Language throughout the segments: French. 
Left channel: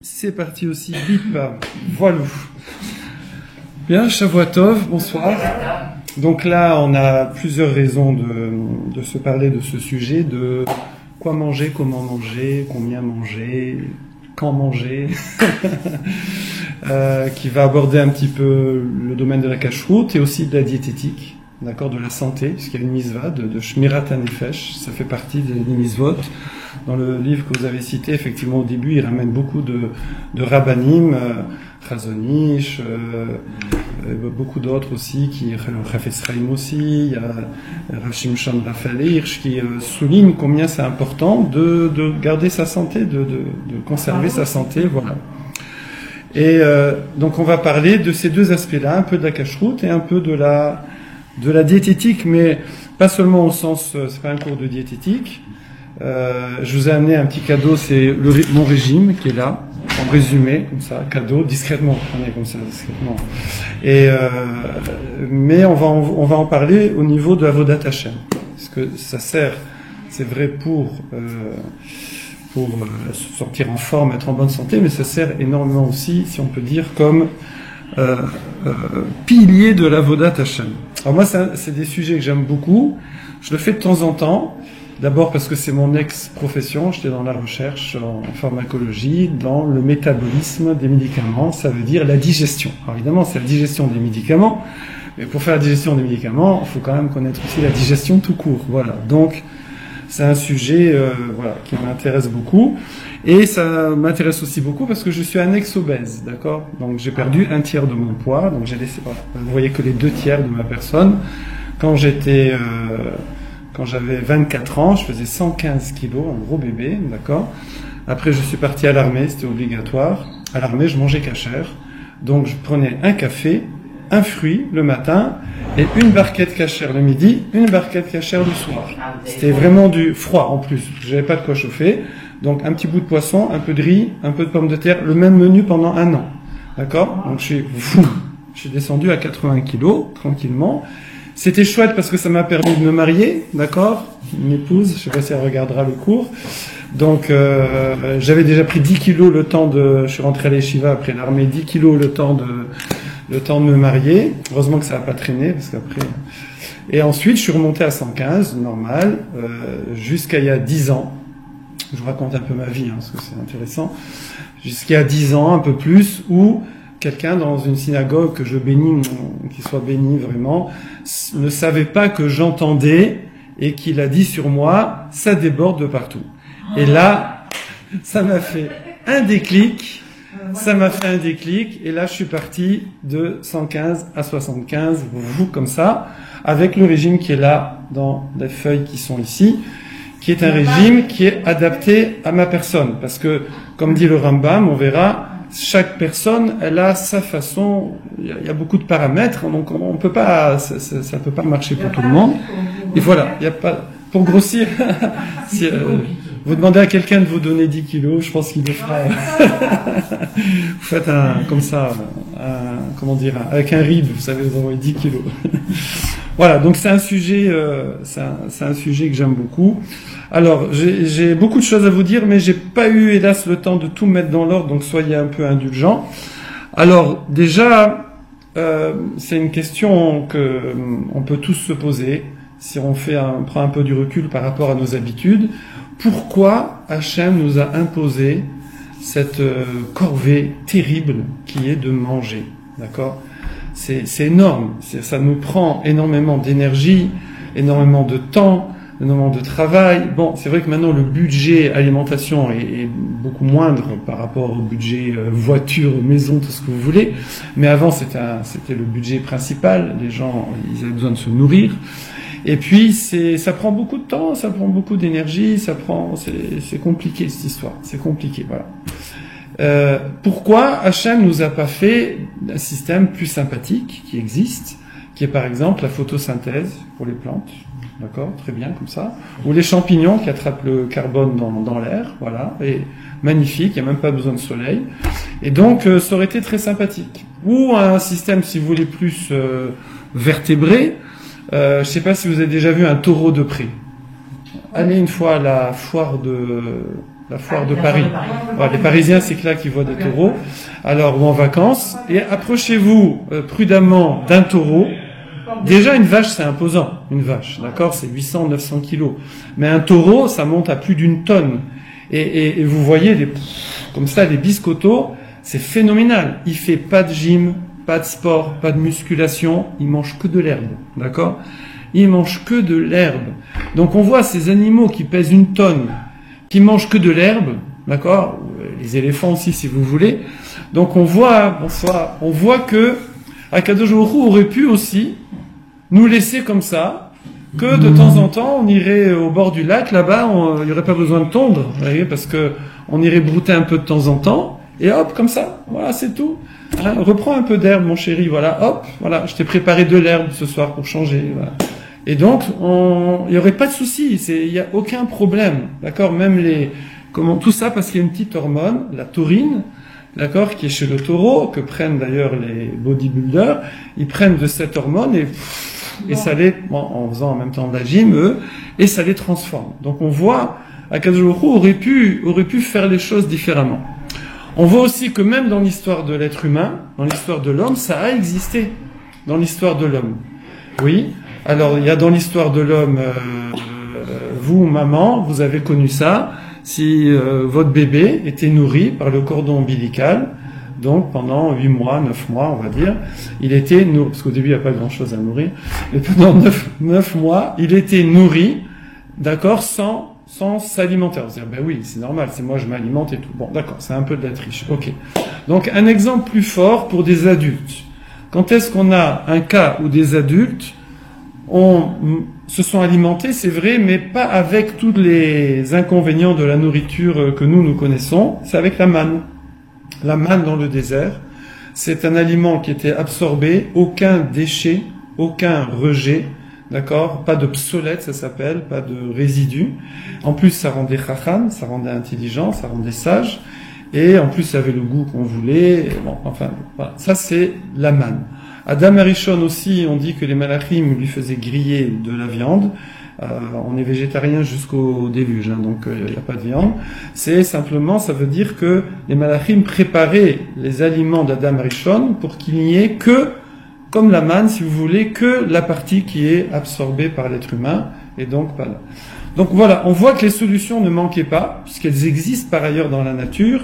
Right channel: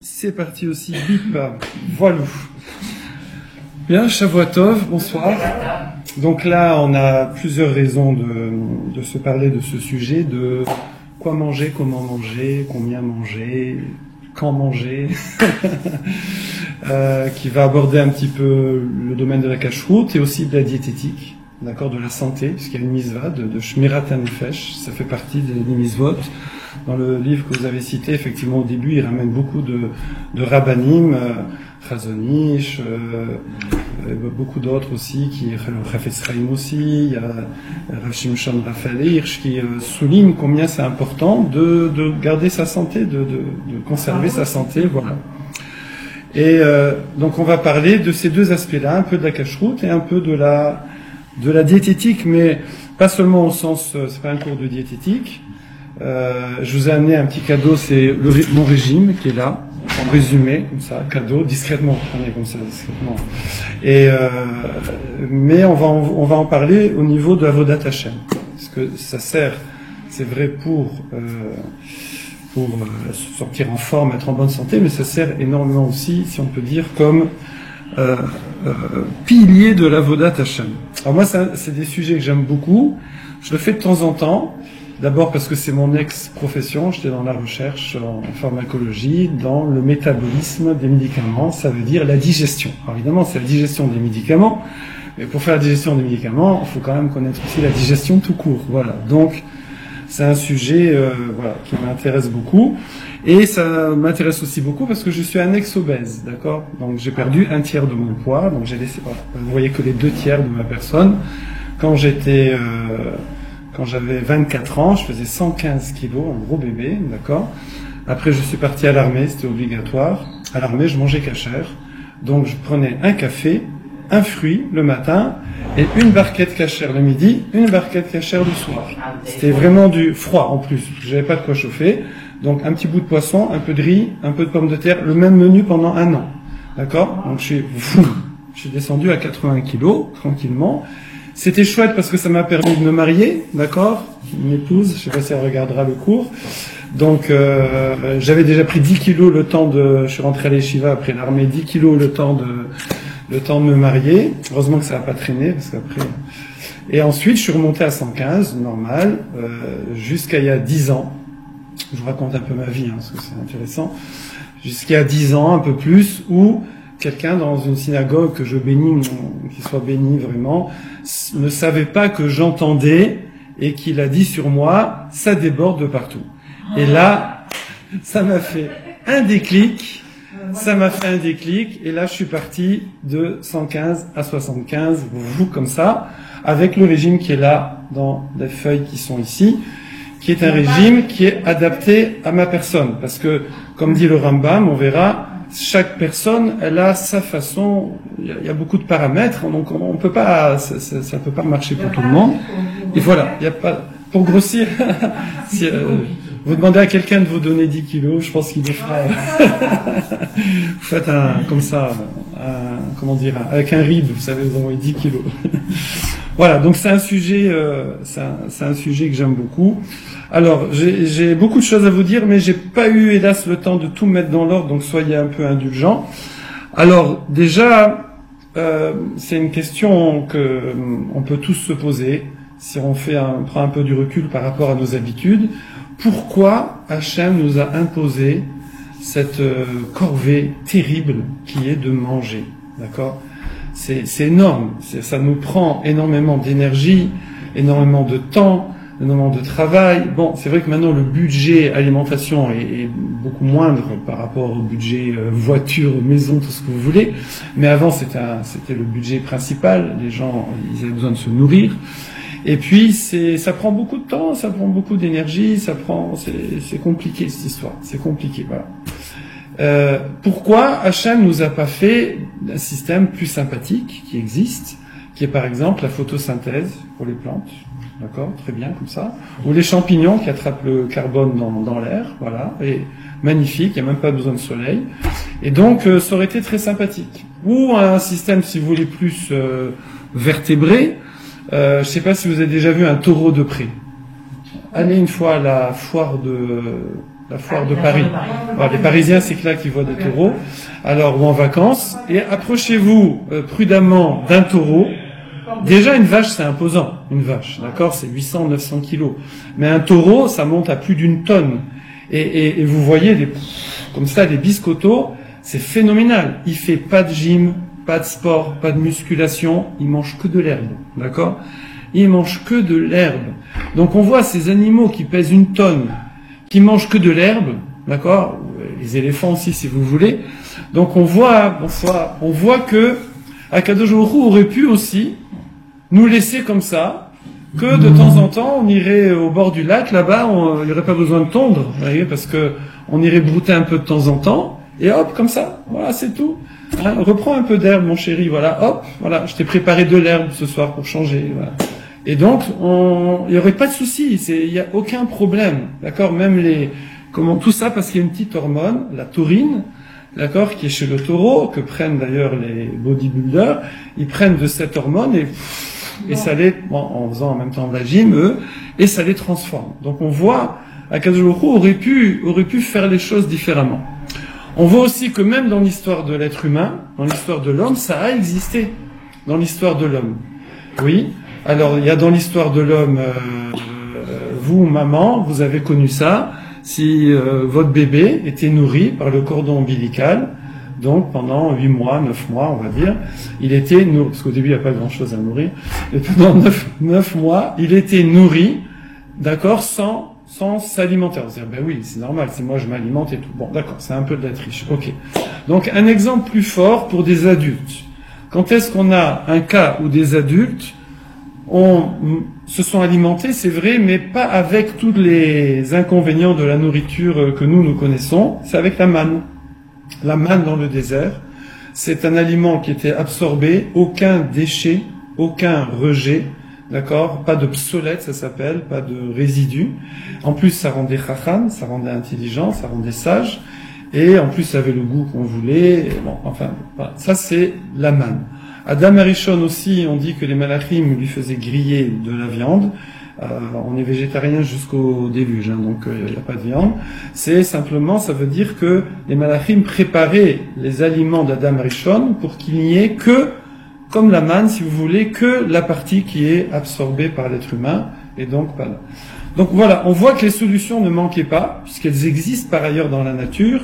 C'est parti aussi, bip, voilà. Bien, Shavuatov, bonsoir. Donc là, on a plusieurs raisons de se parler de ce sujet, de quoi manger, comment manger, combien manger, quand manger, qui va aborder un petit peu le domaine de la cacheroute et aussi de la diététique, d'accord, de la santé, puisqu'il y a une mitzvah de Shmirat HaNefesh, ça fait partie des mitzvot. Dans le livre que vous avez cité, effectivement, au début, il ramène beaucoup de rabbanim, Chazonish, beaucoup d'autres aussi, le Chafetz Chaim aussi, il y a Rav Shimshon Raphaël Hirsch qui souligne combien c'est important de garder sa santé, de conserver sa santé, voilà. Et donc on va parler de ces deux aspects-là, un peu de la cacheroute et un peu de la diététique, mais pas seulement au sens, c'est pas un cours de diététique. Je vous ai amené un petit cadeau, c'est mon régime qui est là, en résumé, comme ça, cadeau, discrètement, prenez comme ça, discrètement. Et, mais on va en parler au niveau de Avodat Hashem, parce que ça sert, c'est vrai pour se sortir en forme, être en bonne santé, mais ça sert énormément aussi, si on peut dire, comme pilier de l'Avodat Hashem. Alors moi, c'est des sujets que j'aime beaucoup, je le fais de temps en temps. D'abord parce que c'est mon ex-profession, j'étais dans la recherche en pharmacologie, dans le métabolisme des médicaments, ça veut dire la digestion. Alors évidemment, c'est la digestion des médicaments, mais pour faire la digestion des médicaments, il faut quand même connaître aussi la digestion tout court. Voilà. Donc, c'est un sujet qui m'intéresse beaucoup. Et ça m'intéresse aussi beaucoup parce que je suis un ex-obèse, d'accord? Donc j'ai perdu un tiers de mon poids, donc j'ai laissé, voilà, vous voyez que les 2 tiers de ma personne. Quand j'avais 24 ans, je faisais 115 kilos, un gros bébé, d'accord. Après, je suis parti à l'armée, c'était obligatoire. À l'armée, je mangeais cachère. Donc, je prenais un café, un fruit le matin, et une barquette cachère le midi, une barquette cachère le soir. C'était vraiment du froid en plus. Je n'avais pas de quoi chauffer. Donc, un petit bout de poisson, un peu de riz, un peu de pommes de terre, le même menu pendant 1 an. D'accord? Donc, je suis descendu à 80 kilos, tranquillement. C'était chouette parce que ça m'a permis de me marier, d'accord, une épouse, je ne sais pas si elle regardera le cours. Donc j'avais déjà pris 10 kilos le temps je suis rentré à l'Yeshiva après l'armée, 10 kilos le temps de me marier. Heureusement que ça n'a pas traîné, parce qu'après. Et ensuite je suis remonté à 115, normal, jusqu'à il y a 10 ans. Je vous raconte un peu ma vie, parce que c'est intéressant. Jusqu'à il y a 10 ans, un peu plus, où quelqu'un dans une synagogue que je bénis, qu'il soit béni vraiment, ne savait pas que j'entendais et qu'il a dit sur moi, ça déborde de partout. Et là, ça m'a fait un déclic, et là je suis parti de 115 à 75, comme ça, avec le régime qui est là dans les feuilles qui sont ici, qui est un régime qui est adapté à ma personne, parce que, comme dit le Rambam, on verra, chaque personne, elle a sa façon, il y a beaucoup de paramètres, donc on peut pas, ça peut pas marcher pour tout le monde. Et voilà, il n'y a pas, pour grossir, si, vous demandez à quelqu'un de vous donner 10 kilos, je pense qu'il vous fera, vous faites comme ça, avec un rib, vous savez, vous envoyez 10 kilos. Voilà, donc c'est un sujet que j'aime beaucoup. Alors, j'ai beaucoup de choses à vous dire, mais j'ai pas eu, hélas, le temps de tout mettre dans l'ordre, donc soyez un peu indulgents. Alors, déjà, c'est une question que on peut tous se poser, si on prend un peu du recul par rapport à nos habitudes. Pourquoi Hachem nous a imposé cette corvée terrible qui est de manger, d'accord? C'est énorme, ça nous prend énormément d'énergie, énormément de temps, énormément de travail. Bon, c'est vrai que maintenant le budget alimentation est beaucoup moindre par rapport au budget voiture, maison, tout ce que vous voulez. Mais avant, c'était le budget principal. Les gens, ils avaient besoin de se nourrir. Et puis, ça prend beaucoup de temps, ça prend beaucoup d'énergie, c'est compliqué cette histoire. C'est compliqué, voilà. Pourquoi Hachem nous a pas fait un système plus sympathique qui existe, qui est par exemple la photosynthèse pour les plantes, d'accord, très bien comme ça, ou les champignons qui attrapent le carbone dans l'air, voilà, et magnifique, il n'y a même pas besoin de soleil, et donc ça aurait été très sympathique. Ou un système, si vous voulez, plus vertébré. Je ne sais pas si vous avez déjà vu un taureau de près. Allez une fois à la foire la foire de Paris. Alors, les Parisiens, c'est que là qu'ils voient des taureaux. Alors, ou en vacances. Et approchez-vous prudemment d'un taureau. Déjà, une vache, c'est imposant. Une vache, d'accord? C'est 800, 900 kilos. Mais un taureau, ça monte à plus d'une tonne. Et vous voyez, comme ça, les biscottos, c'est phénoménal. Il fait pas de gym, pas de sport, pas de musculation. Il mange que de l'herbe, d'accord? Il mange que de l'herbe. Donc, on voit ces animaux qui pèsent une tonne, qui mangent que de l'herbe, d'accord? Les éléphants aussi, si vous voulez. Donc, on voit que Akadosh Baruch Hu aurait pu aussi nous laisser comme ça, que de temps en temps, on irait au bord du lac, là-bas, il n'y aurait pas besoin de tondre, vous voyez, parce que on irait brouter un peu de temps en temps, et hop, comme ça, voilà, c'est tout. Hein, reprends un peu d'herbe, mon chéri, voilà, hop, voilà, je t'ai préparé de l'herbe ce soir pour changer, voilà. Et donc, il n'y aurait pas de souci, il n'y a aucun problème, d'accord, même tout ça, parce qu'il y a une petite hormone, la taurine, d'accord, qui est chez le taureau, que prennent d'ailleurs les bodybuilders, ils prennent de cette hormone et ça en faisant en même temps de la gym, eux, et ça les transforme. Donc on voit, Akadosh Baruch Hu aurait pu faire les choses différemment. On voit aussi que même dans l'histoire de l'être humain, dans l'histoire de l'homme, ça a existé, dans l'histoire de l'homme. Oui, alors il y a dans l'histoire de l'homme, vous, maman, vous avez connu ça, si votre bébé était nourri par le cordon ombilical, donc pendant 8 mois, 9 mois, on va dire, il était nourri, parce qu'au début il n'y a pas grand-chose à nourrir, mais pendant 9 mois, il était nourri, d'accord, sans s'alimenter. Vous allez dire, ben oui, c'est normal, c'est moi je m'alimente et tout. Bon, d'accord, c'est un peu de la triche, ok. Donc un exemple plus fort pour des adultes. Quand est-ce qu'on a un cas où des adultes se sont alimentés, c'est vrai, mais pas avec tous les inconvénients de la nourriture que nous connaissons, c'est avec la manne. La manne dans le désert, c'est un aliment qui était absorbé, aucun déchet, aucun rejet, d'accord? Pas de psolète, ça s'appelle, pas de résidus. En plus, ça rendait chacham, ça rendait intelligent, ça rendait sage, et en plus, ça avait le goût qu'on voulait. Et bon, enfin, voilà. Ça c'est la manne. Adam Arishon aussi, on dit que les malachim lui faisaient griller de la viande. On est végétarien jusqu'au déluge, hein, donc il n'y a pas de viande. C'est simplement, ça veut dire que les malachim préparaient les aliments d'Adam Arishon pour qu'il n'y ait que, comme la manne, si vous voulez, que la partie qui est absorbée par l'être humain, et donc pas là. Donc voilà, on voit que les solutions ne manquaient pas, puisqu'elles existent par ailleurs dans la nature,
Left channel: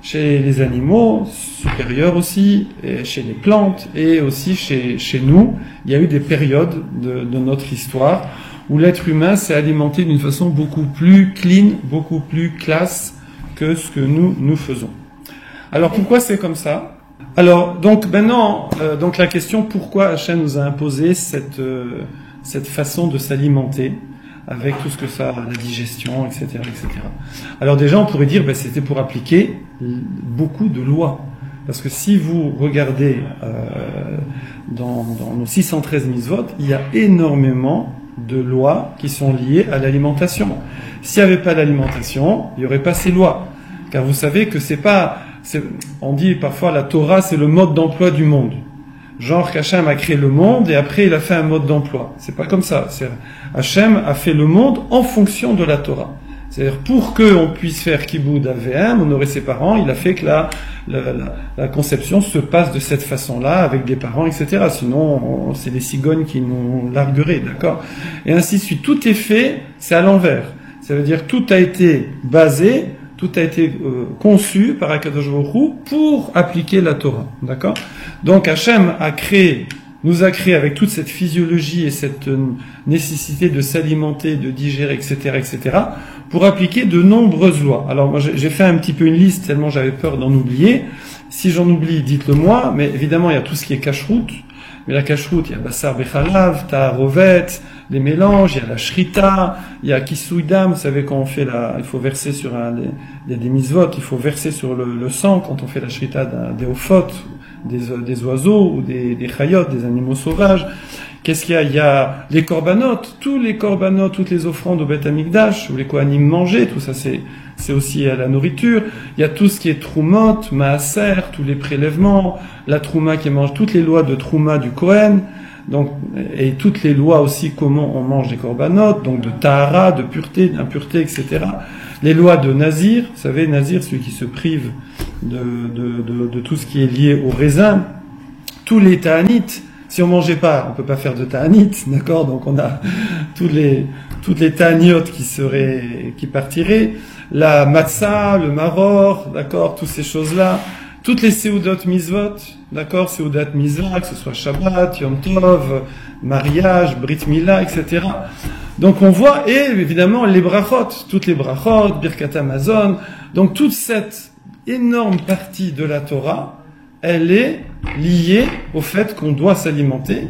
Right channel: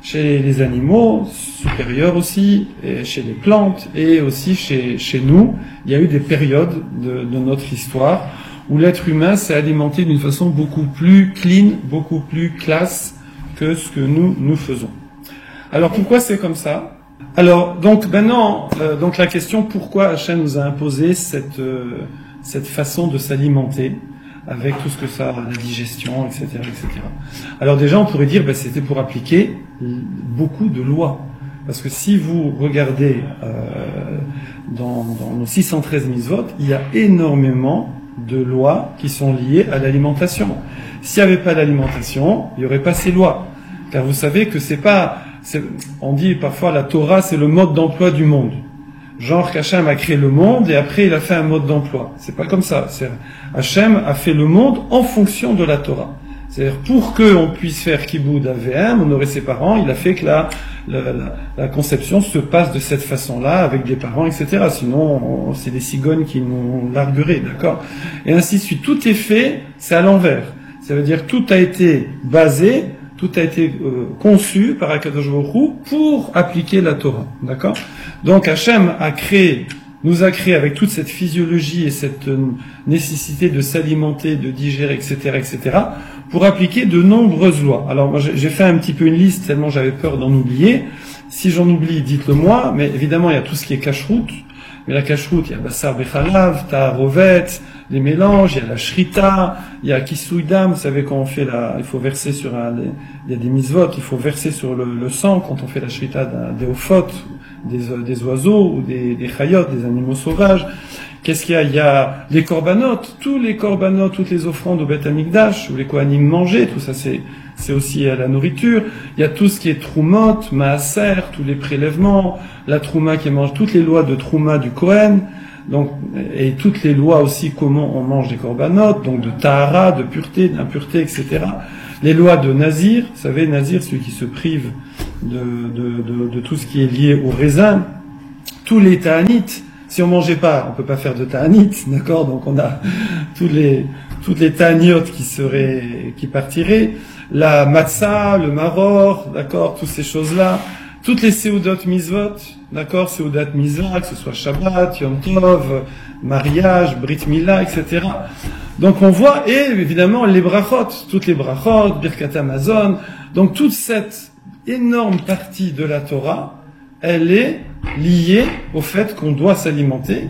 chez les animaux supérieurs aussi, et chez les plantes, et aussi chez nous. Il y a eu des périodes de notre histoire où l'être humain s'est alimenté d'une façon beaucoup plus clean, beaucoup plus classe que ce que nous faisons. Alors pourquoi c'est comme ça? Alors donc maintenant, donc la question pourquoi Hachem nous a imposé cette façon de s'alimenter avec tout ce que ça, la digestion, etc., etc. Alors déjà, on pourrait dire, c'était pour appliquer beaucoup de lois. Parce que si vous regardez dans les 613 mitzvot, il y a énormément de lois qui sont liées à l'alimentation. S'il n'y avait pas d'alimentation, il n'y aurait pas ces lois. Car vous savez que on dit parfois la Torah, c'est le mode d'emploi du monde. Genre qu'Hachem a créé le monde et après il a fait un mode d'emploi. C'est pas comme ça. Hachem a fait le monde en fonction de la Torah. C'est-à-dire pour qu'on puisse faire Kiboud AVM, honorer ses parents, il a fait que la conception se passe de cette façon-là avec des parents, etc. Sinon, c'est les cigognes qui nous largueraient, d'accord? Et ainsi de suite. Tout est fait, c'est à l'envers. Ça veut dire tout a été basé, tout a été conçu par Akadosh Baruch Hu pour appliquer la Torah, d'accord? Donc Hachem nous a créé avec toute cette physiologie et cette nécessité de s'alimenter, de digérer, etc., etc., pour appliquer de nombreuses lois. Alors moi j'ai fait un petit peu une liste tellement j'avais peur d'en oublier. Si j'en oublie, dites-le moi, mais évidemment il y a tout ce qui est kashrut. Mais la kashrut, il y a Bassar Bechalav, Ta'arovet, les mélanges, il y a la shrita, il y a Kisuidam, vous savez quand on fait il faut verser il y a des mitzvot, il faut verser sur le sang quand on fait la shrita des ophot, des oiseaux ou des chayot, des animaux sauvages. Qu'est-ce qu'il y a? Il y a les corbanotes, tous les corbanotes, toutes les offrandes au Beth Amikdash, où les kohanim mangeaient, tout ça c'est aussi à la nourriture. Il y a tout ce qui est troumot, maaser, tous les prélèvements, la trouma qui mange toutes les lois de trouma du Kohen, donc, et toutes les lois aussi comment on mange des corbanotes, donc de tahara, de pureté, d'impureté, etc. les lois de Nazir, vous savez, Nazir, celui qui se prive de tout ce qui est lié au raisin, tous les ta'anit, si on mangeait pas, on peut pas faire de ta'anit, d'accord, donc on a toutes les ta'aniotes qui partiraient, la matzah, le maror, d'accord, toutes ces choses-là, toutes les seudot mitzvot, d'accord, seudot mitzvah, que ce soit Shabbat, Yom Tov, mariage, Brit Mila, etc. Donc on voit, et évidemment les brachot, toutes les brachot, Birkat Hamazon, donc toute cette énorme partie de la Torah, elle est liée au fait qu'on doit s'alimenter.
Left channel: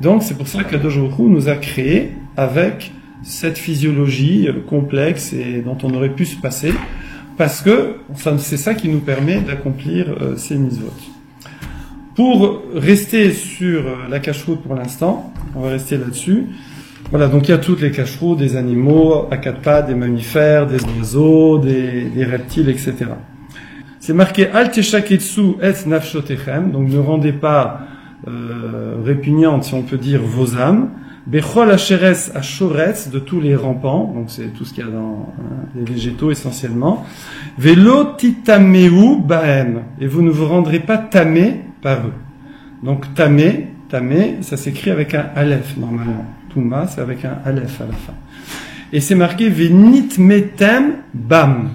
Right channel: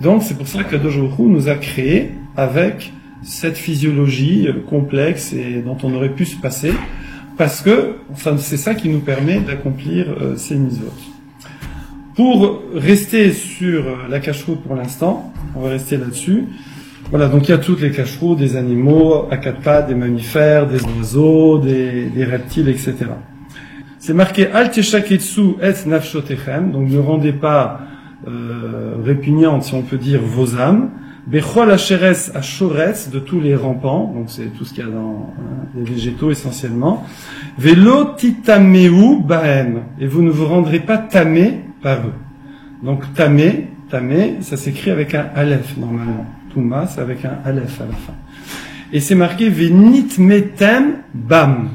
Donc c'est pour ça qu'Akadosh Baruch Hu nous a créés avec cette physiologie complexe et dont on aurait pu se passer, parce que c'est ça qui nous permet d'accomplir ces mitzvot. Pour rester sur la cacheroute pour l'instant, on va rester là-dessus. Voilà, donc il y a toutes les cacheroutes, des animaux, à quatre pattes, des mammifères, des oiseaux, des reptiles, etc. C'est marqué Al teshaketsu et nafshotechem, donc ne rendez pas répugnantes, si on peut dire, vos âmes. Bechol hacheres ashoretz, de tous les rampants, donc c'est tout ce qu'il y a dans les végétaux essentiellement. Velo titameu bahem, et vous ne vous rendrez pas tamé par eux. Donc tamé, ça s'écrit avec un aleph normalement. Touma, c'est avec un aleph à la fin. Et c'est marqué venit metem bam.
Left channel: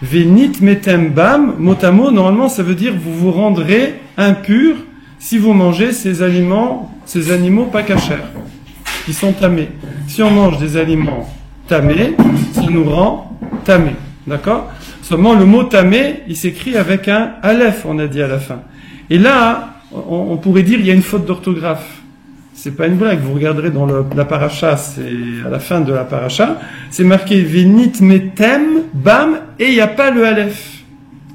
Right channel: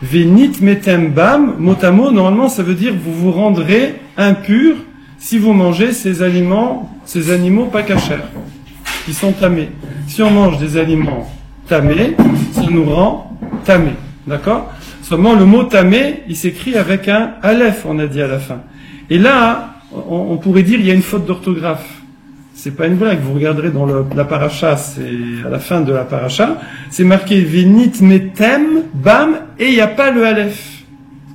Venit metem bam, mot à mot, normalement ça veut dire vous vous rendrez impur si vous mangez ces animaux pas cachers, qui sont tamés. Si on mange des aliments tamés, ça nous rend tamés. D'accord? Seulement le mot tamé, il s'écrit avec un aleph, on a dit à la fin. Et là, on pourrait dire il y a une faute d'orthographe. C'est pas une blague, vous regarderez dans la paracha, c'est à la fin de la paracha, c'est marqué Venit metem, bam, et il n'y a pas le aleph.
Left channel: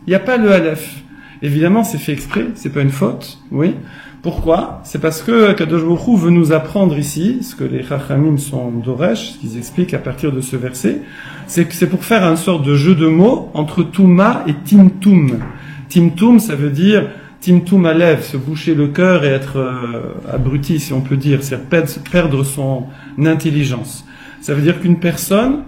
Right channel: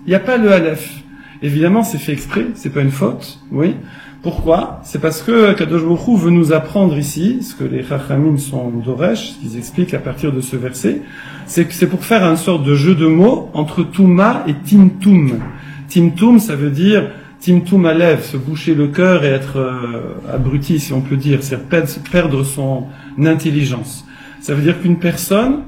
Il n'y a pas le aleph. Évidemment, c'est fait exprès, c'est pas une faute, oui. Pourquoi? C'est parce que Kadosh Baruch Hu veut nous apprendre ici, ce que les Chachamim sont d'Oresh, ce qu'ils expliquent à partir de ce verset, c'est que c'est pour faire une sorte de jeu de mots entre Touma et Timtum. Timtum, ça veut dire Timtum alev, se boucher le cœur et être abruti, si on peut dire, c'est-à-dire perdre son intelligence. Ça veut dire qu'une personne,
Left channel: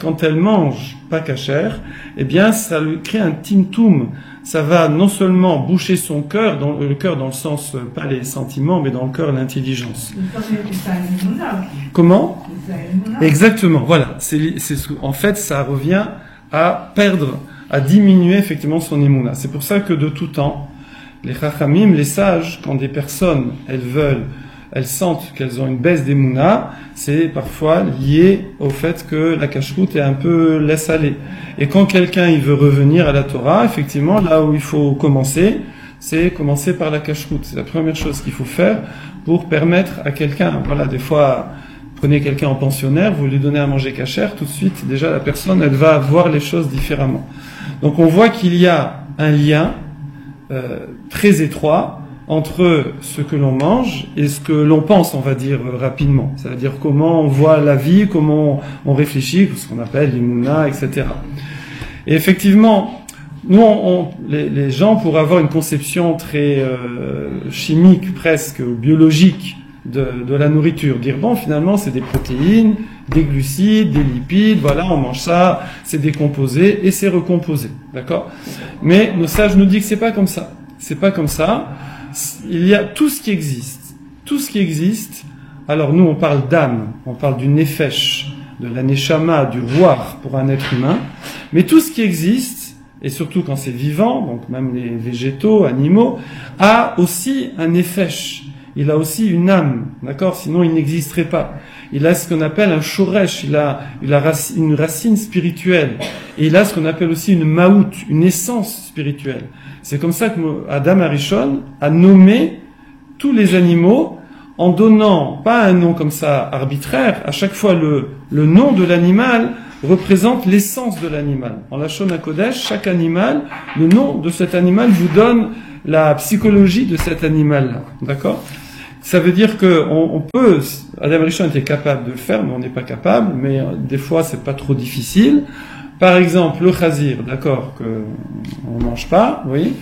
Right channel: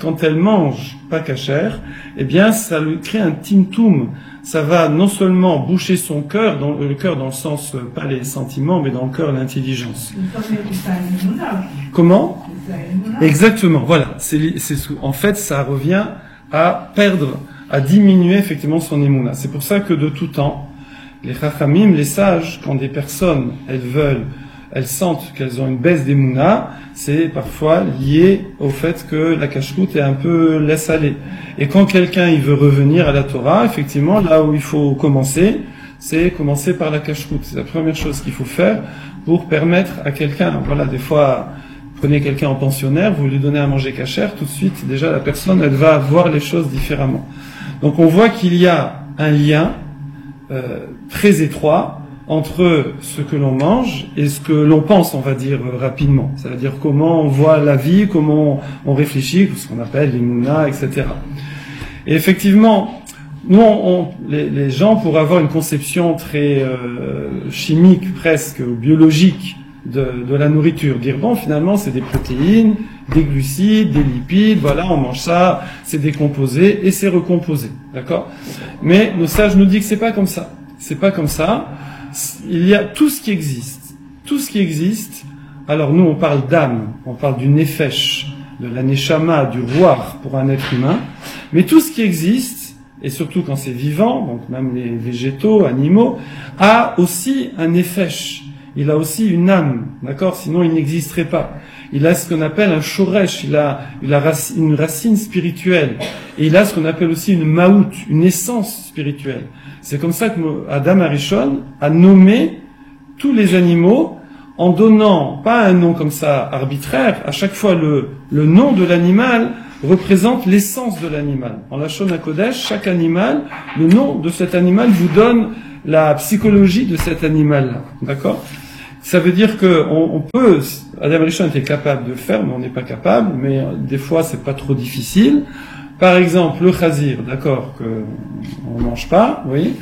quand elle mange pas cachère, eh bien, ça lui crée un timtum. Ça va non seulement boucher son cœur, le cœur dans le sens, pas les sentiments, mais dans le cœur l'intelligence. Comment? Exactement, voilà. En fait, ça revient à perdre, à diminuer effectivement son émouna. C'est pour ça que de tout temps, les chachamim, les sages, quand des personnes, elles sentent qu'elles ont une baisse d'émouna, c'est parfois lié au fait que la cacheroute est un peu laisse aller. Et quand quelqu'un il veut revenir à la Torah, effectivement, là où il faut commencer, c'est commencer par la cacheroute. C'est la première chose qu'il faut faire pour permettre à quelqu'un, voilà, des fois, prenez quelqu'un en pensionnaire, vous lui donnez à manger cachère, tout de suite, déjà la personne, elle va voir les choses différemment. Donc on voit qu'il y a un lien très étroit entre ce que l'on mange et ce que l'on pense, on va dire rapidement. Ça veut dire comment on voit la vie, comment on réfléchit, ce qu'on appelle les mouna, etc. Et effectivement, nous, les gens, pour avoir une conception très chimique, presque biologique de la nourriture, dire bon, finalement, c'est des protéines, des glucides, des lipides, voilà, on mange ça, c'est décomposé et c'est recomposé, d'accord? Mais le sage nous dit que c'est pas comme ça. C'est pas comme ça. Il y a tout ce qui existe. Tout ce qui existe. Alors nous, on parle d'âme, on parle du nefesh, de la neshama, du roi pour un être humain. Mais tout ce qui existe, et surtout quand c'est vivant, donc même les végétaux, animaux, a aussi un nefesh. Il a aussi une âme, d'accord? Sinon, il n'existerait pas. Il a ce qu'on appelle un shoresh, il a une racine spirituelle. Et il a ce qu'on appelle aussi une maout, une essence spirituelle. C'est comme ça que Adam Arishon a nommé tous les animaux en donnant, pas un nom comme ça arbitraire, à chaque fois le nom de l'animal représente l'essence de l'animal. En la Shon HaKodesh, chaque animal, le nom de cet animal vous donne la psychologie de cet animal-là. D'accord? Ça veut dire qu'on peut, Adam Arishon était capable de le faire, mais on n'est pas capable, mais des fois c'est pas trop difficile. Par exemple, le chazir, d'accord, qu'on mange pas, oui,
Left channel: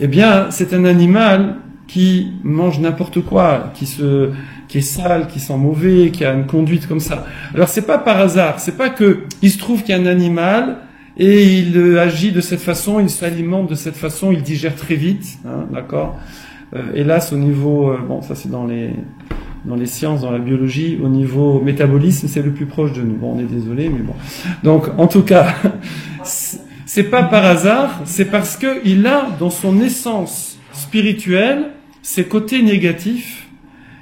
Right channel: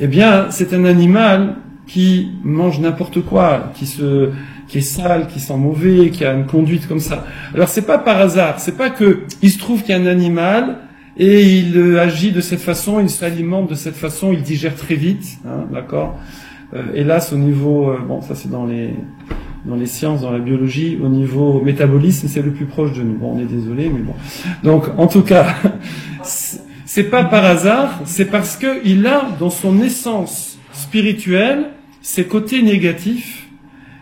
eh bien, c'est un animal qui mange n'importe quoi, qui qui est sale, qui sent mauvais, qui a une conduite comme ça. Alors c'est pas par hasard, c'est pas que il se trouve qu'il y a un animal et il agit de cette façon, il s'alimente de cette façon, il digère très vite, hein, d'accord. Hélas, au niveau, bon, ça c'est dans les sciences, dans la biologie, au niveau métabolisme, c'est le plus proche de nous. Bon, on est désolé, mais bon. Donc, en tout cas, c'est pas par hasard, c'est parce que il a dans son essence spirituelle ses côtés négatifs.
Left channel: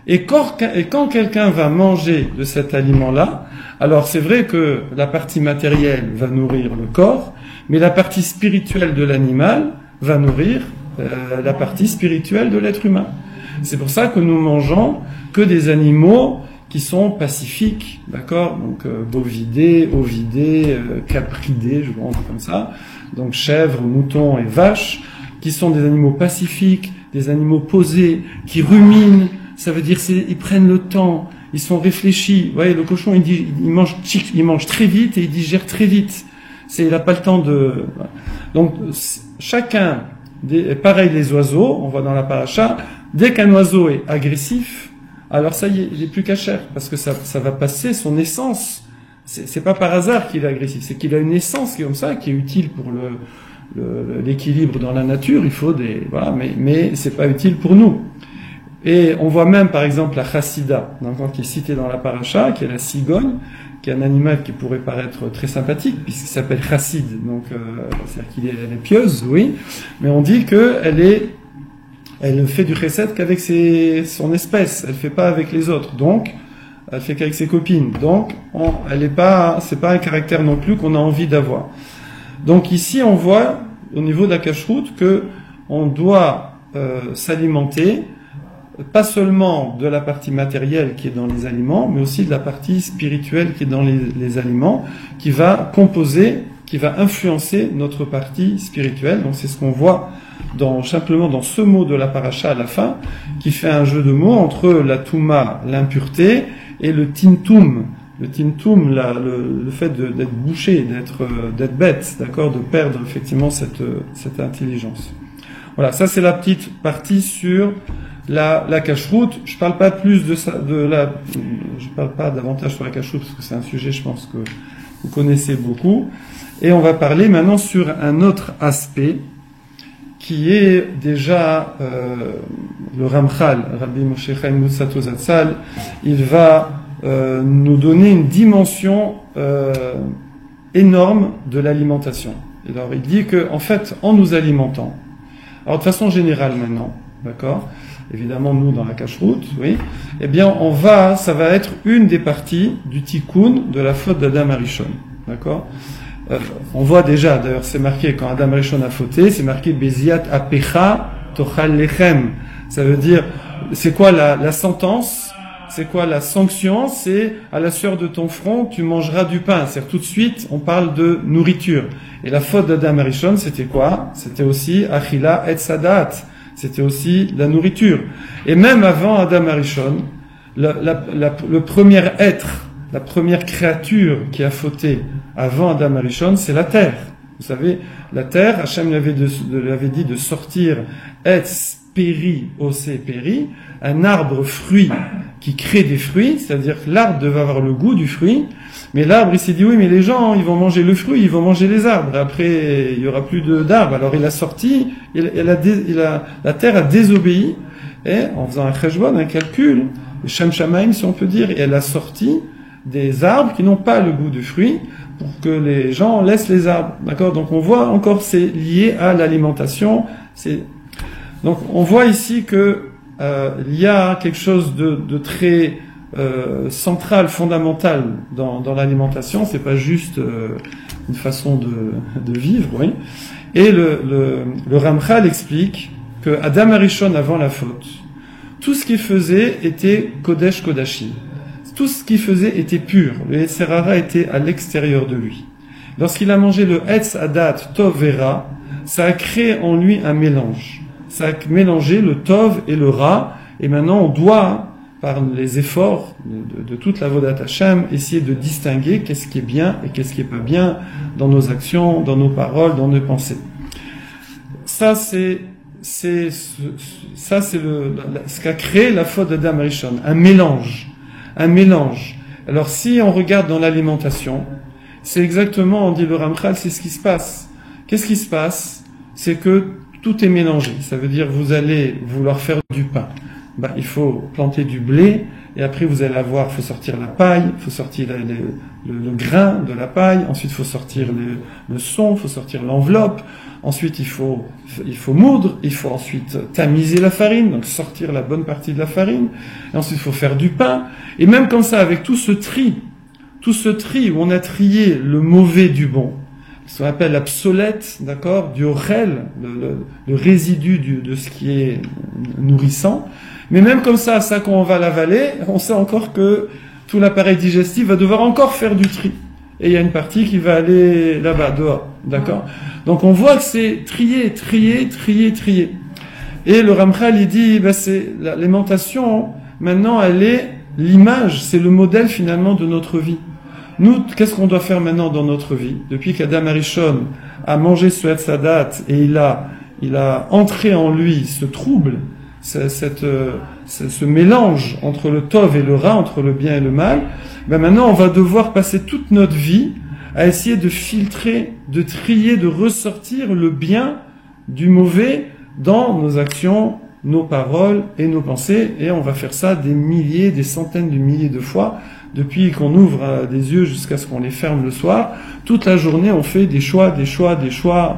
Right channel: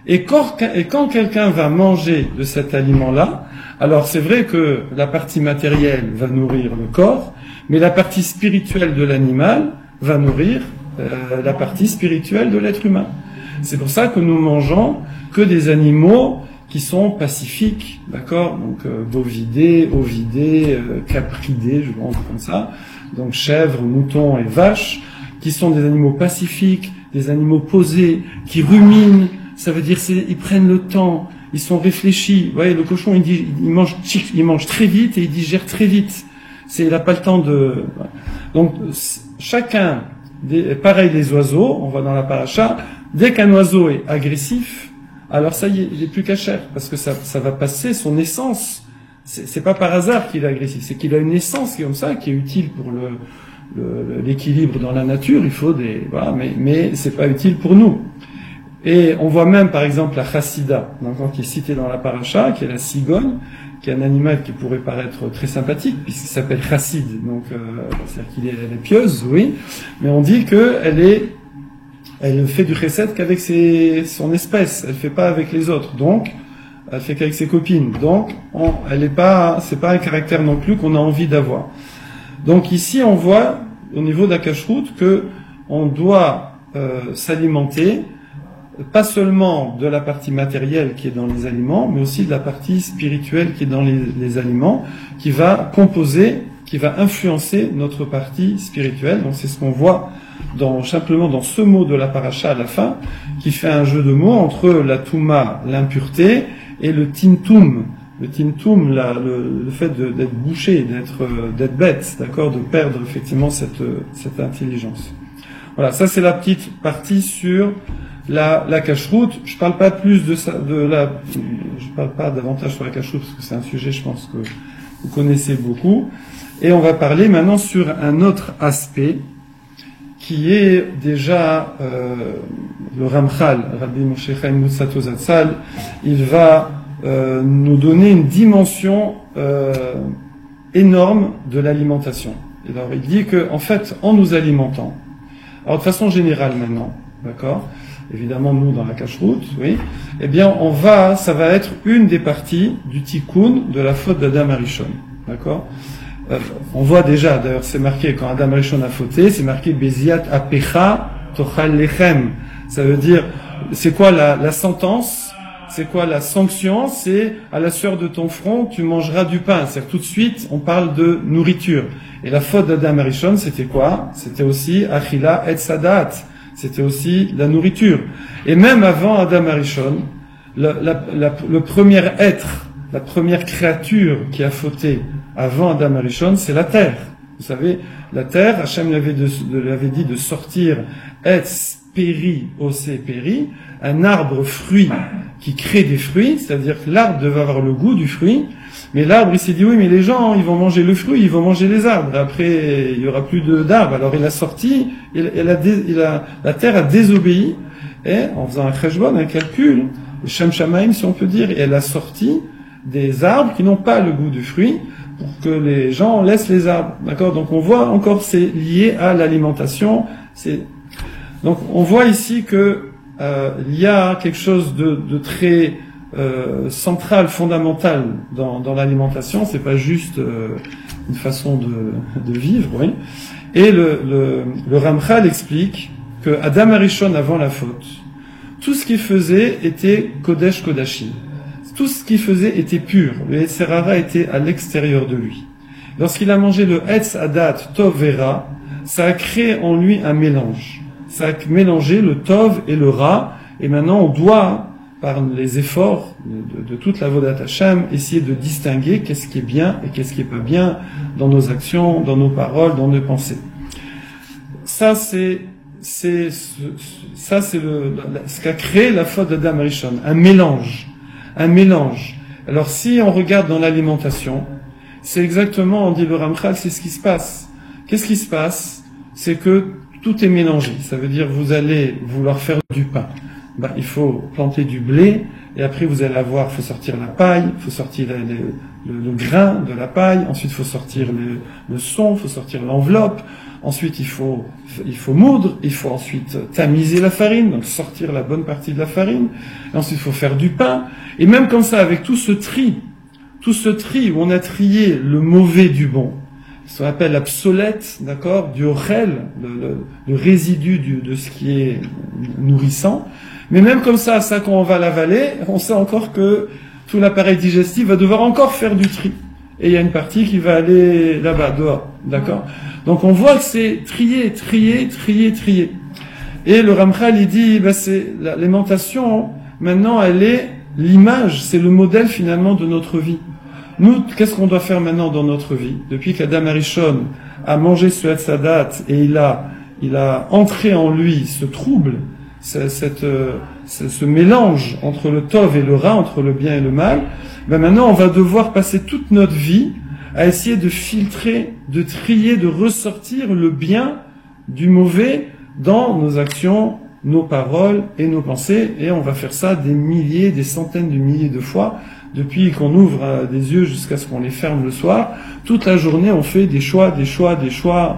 Et quand quelqu'un va manger de cet aliment-là, alors c'est vrai que la partie matérielle va nourrir le corps, mais la partie spirituelle de l'animal va nourrir la partie spirituelle de l'être humain. C'est pour ça que nous mangeons que des animaux qui sont pacifiques, d'accord? Donc bovidés, ovidés, capridés, je vois comme ça. Donc chèvres, moutons et vaches, qui sont des animaux pacifiques, des animaux posés, qui ruminent. Ça veut dire ils prennent le temps, ils sont réfléchis. Vous voyez, le cochon il mange très vite et il digère très vite. Il n'a pas le temps de. Donc chacun. Pareil les oiseaux, on voit dans la paracha, dès qu'un oiseau est agressif, alors ça y est, il n'est plus cachère, parce que ça va passer son essence. C'est pas par hasard qu'il est agressif, c'est qu'il a une essence qui est comme ça, qui est utile pour l'équilibre dans la nature. Il faut voilà, mais c'est pas utile pour nous. Et on voit même par exemple la chassida, donc, qui est citée dans la paracha, qui est la cigogne, qui est un animal qui pourrait paraître très sympathique, puisqu'il s'appelle chassid, donc c'est-à-dire elle est pieuse, oui, mais on dit elle fait du chesed qu'avec son espèce, elle fait pas avec les autres, donc elle fait qu'avec ses copines, donc c'est pas un caractère non plus qu'on a envie d'avoir. Donc ici on voit au niveau de la cacheroute que on doit s'alimenter pas seulement de la partie matérielle qui est dans les aliments, mais aussi de la partie spirituelle qui est dans les aliments, qui va composer, qui va influencer notre partie spirituelle. Donc c'est ce qu'on voit simplement dans ce mot de la paracha à la fin, qui fait un jeu de mots entre la touma, l'impureté, et le timtum. Le timtum, le fait d'être bouché, d'être bête, d'accord, de perdre effectivement cette intelligence. Voilà, ça c'est la petite partie sur la cacheroute. Je parle pas plus je parle pas davantage sur la cacheroute parce que c'est un sujet, je pense, que vous connaissez beaucoup. Et on va parler maintenant sur un autre aspect qui est déjà le Ramchal, Rabbi Moshe Chaim Luzzatto Zatzal. Il va nous donner une dimension énorme de l'alimentation. Alors il dit que en fait, en nous alimentant, alors de façon générale maintenant, d'accord, évidemment nous dans la cacheroute, oui, eh bien ça va être une des parties du tikkun de la faute d'Adam Arishon, d'accord. On voit déjà, d'ailleurs c'est marqué quand Adam Arishon a fauté, c'est marqué Beziat apecha tochal lechem. Ça veut dire, c'est quoi la sentence? C'est quoi la sanction? C'est à la sueur de ton front, tu mangeras du pain. C'est-à-dire tout de suite, on parle de nourriture. Et la faute d'Adam Arishon, c'était quoi? C'était aussi achila et sadat. C'était aussi la nourriture. Et même avant Adam Arishon, le premier être, la première créature qui a fauté avant Adam Arishon, c'est la terre. Vous savez, la terre, Hachem l'avait dit de sortir etz péri, osé péri, un arbre fruit qui crée des fruits, c'est-à-dire que l'arbre devait avoir le goût du fruit, mais l'arbre il s'est dit oui mais les gens ils vont manger le fruit, ils vont manger les arbres, après il y aura plus d'arbres, alors il a sorti, la terre a désobéi, et en faisant un cheshbon, un calcul, Shem Shamaim si on peut dire, et elle a sorti des arbres qui n'ont pas le goût du fruit, pour que les gens laissent les arbres, d'accord. Donc on voit encore c'est lié à l'alimentation, donc on voit ici que il y a quelque chose de très central, fondamental dans l'alimentation. C'est pas juste une façon de vivre, oui. Et le Ramchal explique que Adam Arishon avant la faute, tout ce qu'il faisait était Kodesh Kodashim. Tout ce qu'il faisait était pur. Le Yetzer Hara était à l'extérieur de lui. Lorsqu'il a mangé le Etz Adat Tov Vera, ça a créé en lui un mélange. Ça a mélangé le Tov et le Ra, et maintenant on doit, par les efforts de toute la Vodat Hashem, essayer de distinguer qu'est-ce qui est bien et qu'est-ce qui est pas bien dans nos actions, dans nos paroles, dans nos pensées. Ça, c'est ça c'est ce qu'a créé la faute d'Adam Rishon, un mélange. Un mélange. Alors si on regarde dans l'alimentation, c'est exactement, on dit le Ramchal, c'est ce qui se passe. Qu'est-ce qui se passe? C'est que tout est mélangé. Ça veut dire vous allez vouloir faire du pain. Il faut planter du blé, et après vous allez avoir, il faut sortir la paille, il faut sortir le grain de la paille, ensuite il faut sortir le son, il faut sortir l'enveloppe, ensuite il faut moudre, il faut ensuite tamiser la farine, donc sortir la bonne partie de la farine, ensuite il faut faire du pain, et même comme ça, avec tout ce tri où on a trié le mauvais du bon, ce qu'on appelle l'obsolète, d'accord, du orel, le résidu de ce qui est nourrissant. Mais même comme ça quand on va l'avaler, on sait encore que tout l'appareil digestif va devoir encore faire du tri. Et il y a une partie qui va aller là-bas, dehors, d'accord. Donc on voit que c'est trier. Et le Ramchal, il dit, c'est l'alimentation, maintenant, elle est l'image, c'est le modèle finalement de notre vie. Nous, qu'est-ce qu'on doit faire maintenant dans notre vie? Depuis qu'Adam Arishon a mangé ce Etz Hadat et il a entré en lui ce trouble, ce mélange entre le Tov et le Ra, entre le bien et le mal, maintenant on va devoir passer toute notre vie à essayer de filtrer, de trier, de ressortir le bien du mauvais dans nos actions, nos paroles et nos pensées, et on va faire ça des milliers, des centaines de milliers de fois, depuis qu'on ouvre des yeux jusqu'à ce qu'on les ferme le soir. Toute la journée, on fait des choix,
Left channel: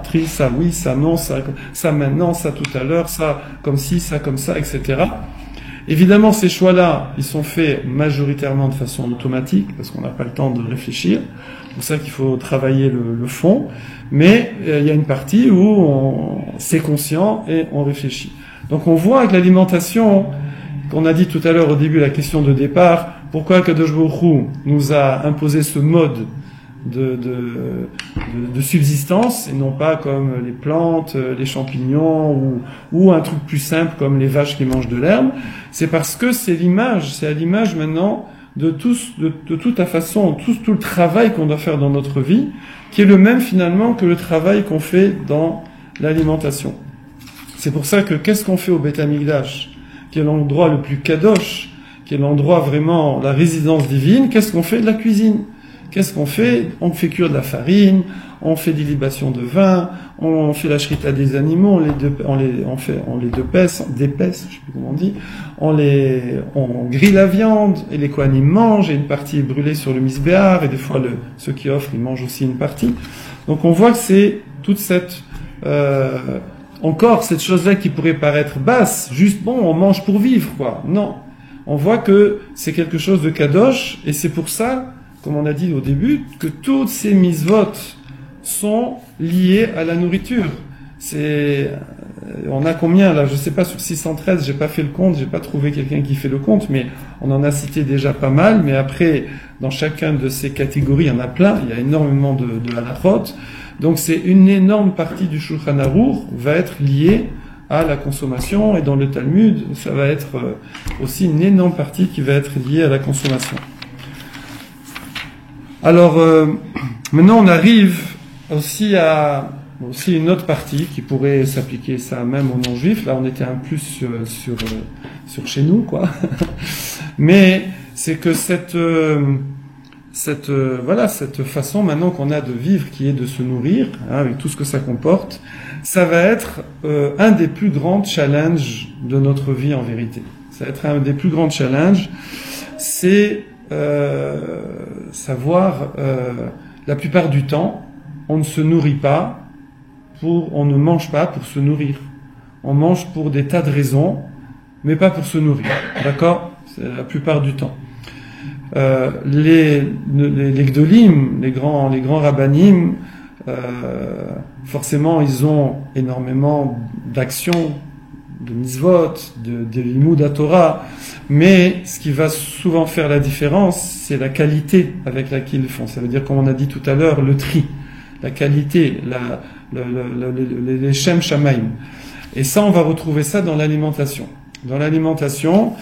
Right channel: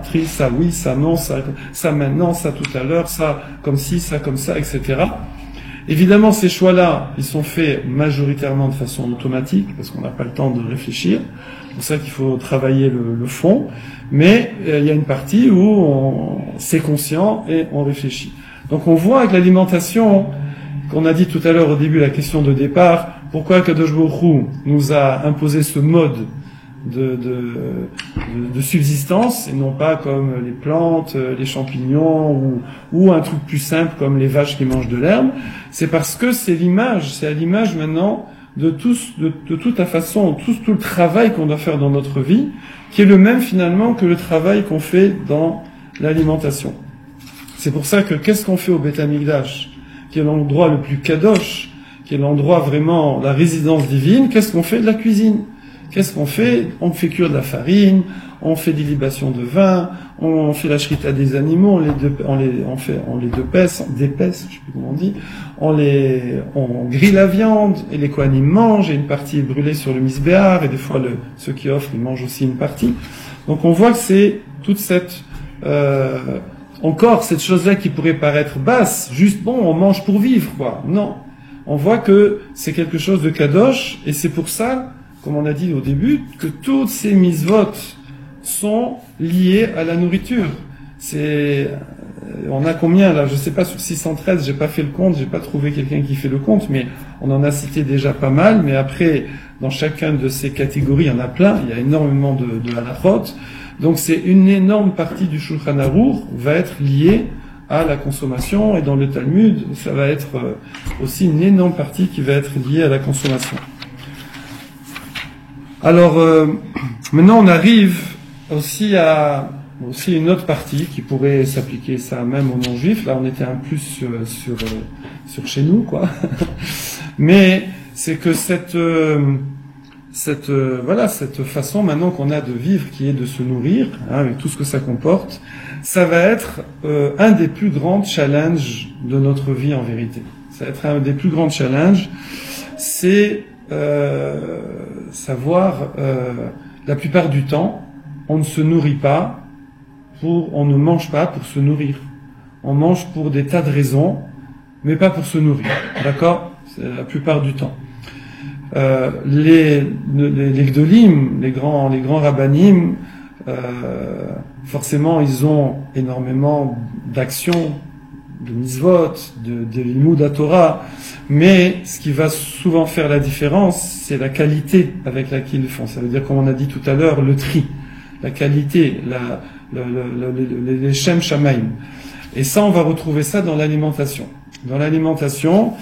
tri, ça oui, ça non, ça maintenant, ça tout à l'heure, ça comme ci, ça comme ça, etc. Évidemment, ces choix-là, ils sont faits majoritairement de façon automatique, parce qu'on n'a pas le temps de réfléchir. C'est pour ça qu'il faut travailler le fond. Mais il y a une partie où c'est conscient et on réfléchit. Donc on voit avec l'alimentation, qu'on a dit tout à l'heure au début, la question de départ, pourquoi Kadosh Baruch Hu nous a imposé ce mode de subsistance, et non pas comme les plantes, les champignons, ou un truc plus simple comme les vaches qui mangent de l'herbe. C'est parce que c'est à l'image maintenant de toute la façon, tout le travail qu'on doit faire dans notre vie, qui est le même finalement que le travail qu'on fait dans l'alimentation. C'est pour ça que qu'est-ce qu'on fait au Beth Amikdash, qui est l'endroit le plus kadosh, qui est l'endroit vraiment, la résidence divine? Qu'est-ce qu'on fait? De la cuisine. Qu'est-ce qu'on fait? On fait cuire de la farine, on fait des libations de vin, on fait la shrita des animaux, on les dépaisse, je sais plus comment on dit, on grille la viande, et les kohanim mangent, et une partie est brûlée sur le misbéar, et des fois ceux qui offrent, ils mangent aussi une partie. Donc on voit que c'est toute cette, encore cette chose-là qui pourrait paraître basse, juste on mange pour vivre, quoi. Non. On voit que c'est quelque chose de kadosh, et c'est pour ça, comme on a dit au début, que toutes ces mitzvot sont liées à la nourriture. On a combien là? Je sais pas, sur 613, j'ai pas fait le compte, j'ai pas trouvé quelqu'un qui fait le compte, mais on en a cité déjà pas mal, mais après, dans chacune de ces catégories, il y en a plein, il y a énormément de halachot. Donc c'est une énorme partie du Shulchan Aruch va être liée à la consommation, et dans le Talmud, ça va être aussi une énorme partie qui va être liée à la consommation. Alors, maintenant on arrive aussi à une autre partie qui pourrait s'appliquer ça même aux non-juifs. Là on était un plus sur chez nous, quoi. Mais c'est que cette façon maintenant qu'on a de vivre, qui est de se nourrir, avec tout ce que ça comporte, ça va être un des plus grands challenges de notre vie en vérité. Ça va être un des plus grands challenges, c'est savoir, la plupart du temps, on ne se nourrit pas on ne mange pas pour se nourrir. On mange pour des tas de raisons, mais pas pour se nourrir. D'accord? C'est la plupart du temps. Les gdolim, les grands rabbanim, forcément, ils ont énormément d'actions, de mitzvot, de limud Torah, mais ce qui va souvent faire la différence, c'est la qualité avec laquelle ils font. Ça veut dire, comme on a dit tout à l'heure, le tri, la qualité, les shem shamaim. Et ça, on va retrouver ça dans l'alimentation. Dans l'alimentation,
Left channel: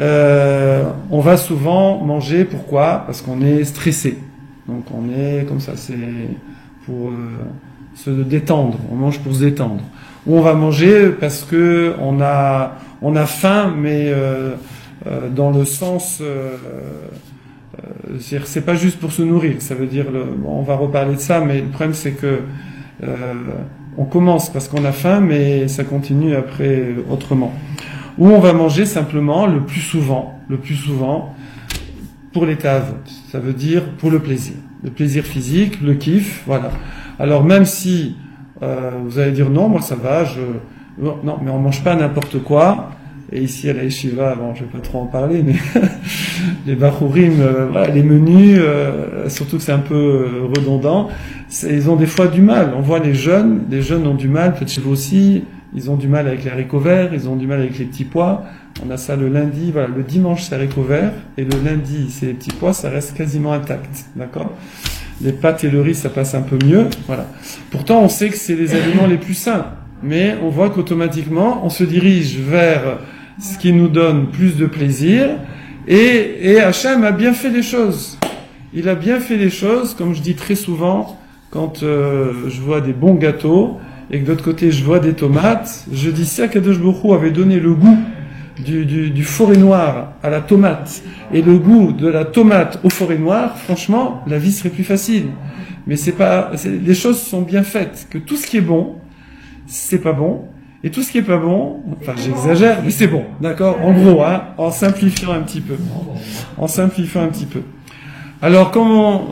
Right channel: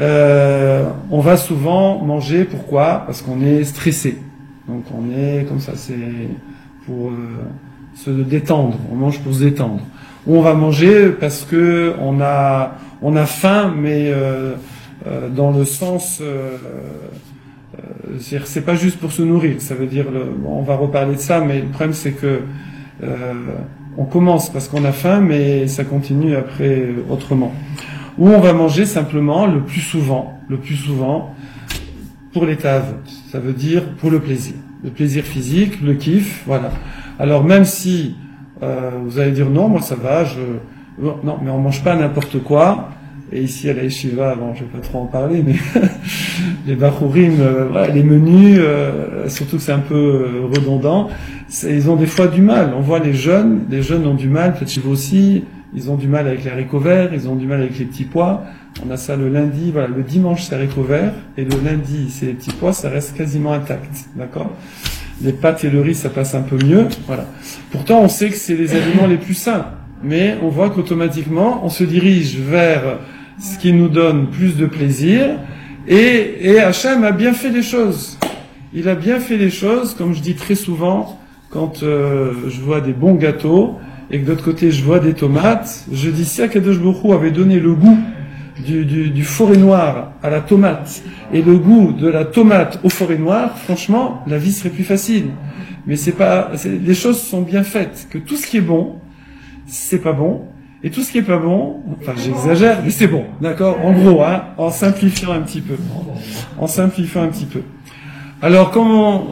on va souvent manger, pourquoi? Parce qu'on est stressé. Donc on est comme ça, c'est pour se détendre, on mange pour se détendre. Ou on va manger parce que on a faim, mais dans le sens, c'est pas juste pour se nourrir. Ça veut dire, on va reparler de ça, mais le problème c'est que on commence parce qu'on a faim, mais ça continue après autrement. Ou on va manger simplement le plus souvent, pour les caves. Ça veut dire pour le plaisir physique, le kiff, voilà. Alors même si vous allez dire non, moi ça va, non, mais on mange pas n'importe quoi. Et ici à la yeshiva, alors je vais pas trop en parler, mais les bachurim, les menus, surtout que c'est un peu redondant, ils ont des fois du mal. On voit les jeunes ont du mal, petits aussi, ils ont du mal avec les haricots verts, ils ont du mal avec les petits pois. On a ça le lundi, voilà, le dimanche c'est haricots verts, et le lundi c'est les petits pois, ça reste quasiment intact, d'accord? Les pâtes et le riz ça passe un peu mieux, voilà. Pourtant on sait que c'est les aliments les plus sains, mais on voit qu'automatiquement on se dirige vers ce qui nous donne plus de plaisir, et Hachem a bien fait les choses. Il a bien fait les choses, comme je dis très souvent, quand je vois des bons gâteaux, et que de l'autre côté je vois des tomates, je dis si Akadosh Baruch Hu avait donné le goût du forêt noire à la tomate, et le goût de la tomate au forêt noire, franchement, la vie serait plus facile. Mais les choses sont bien faites, que tout ce qui est bon, c'est pas bon, et tout ce qui est pas bon, enfin j'exagère, mais c'est bon, d'accord? En gros, hein, en simplifiant un petit peu. Alors,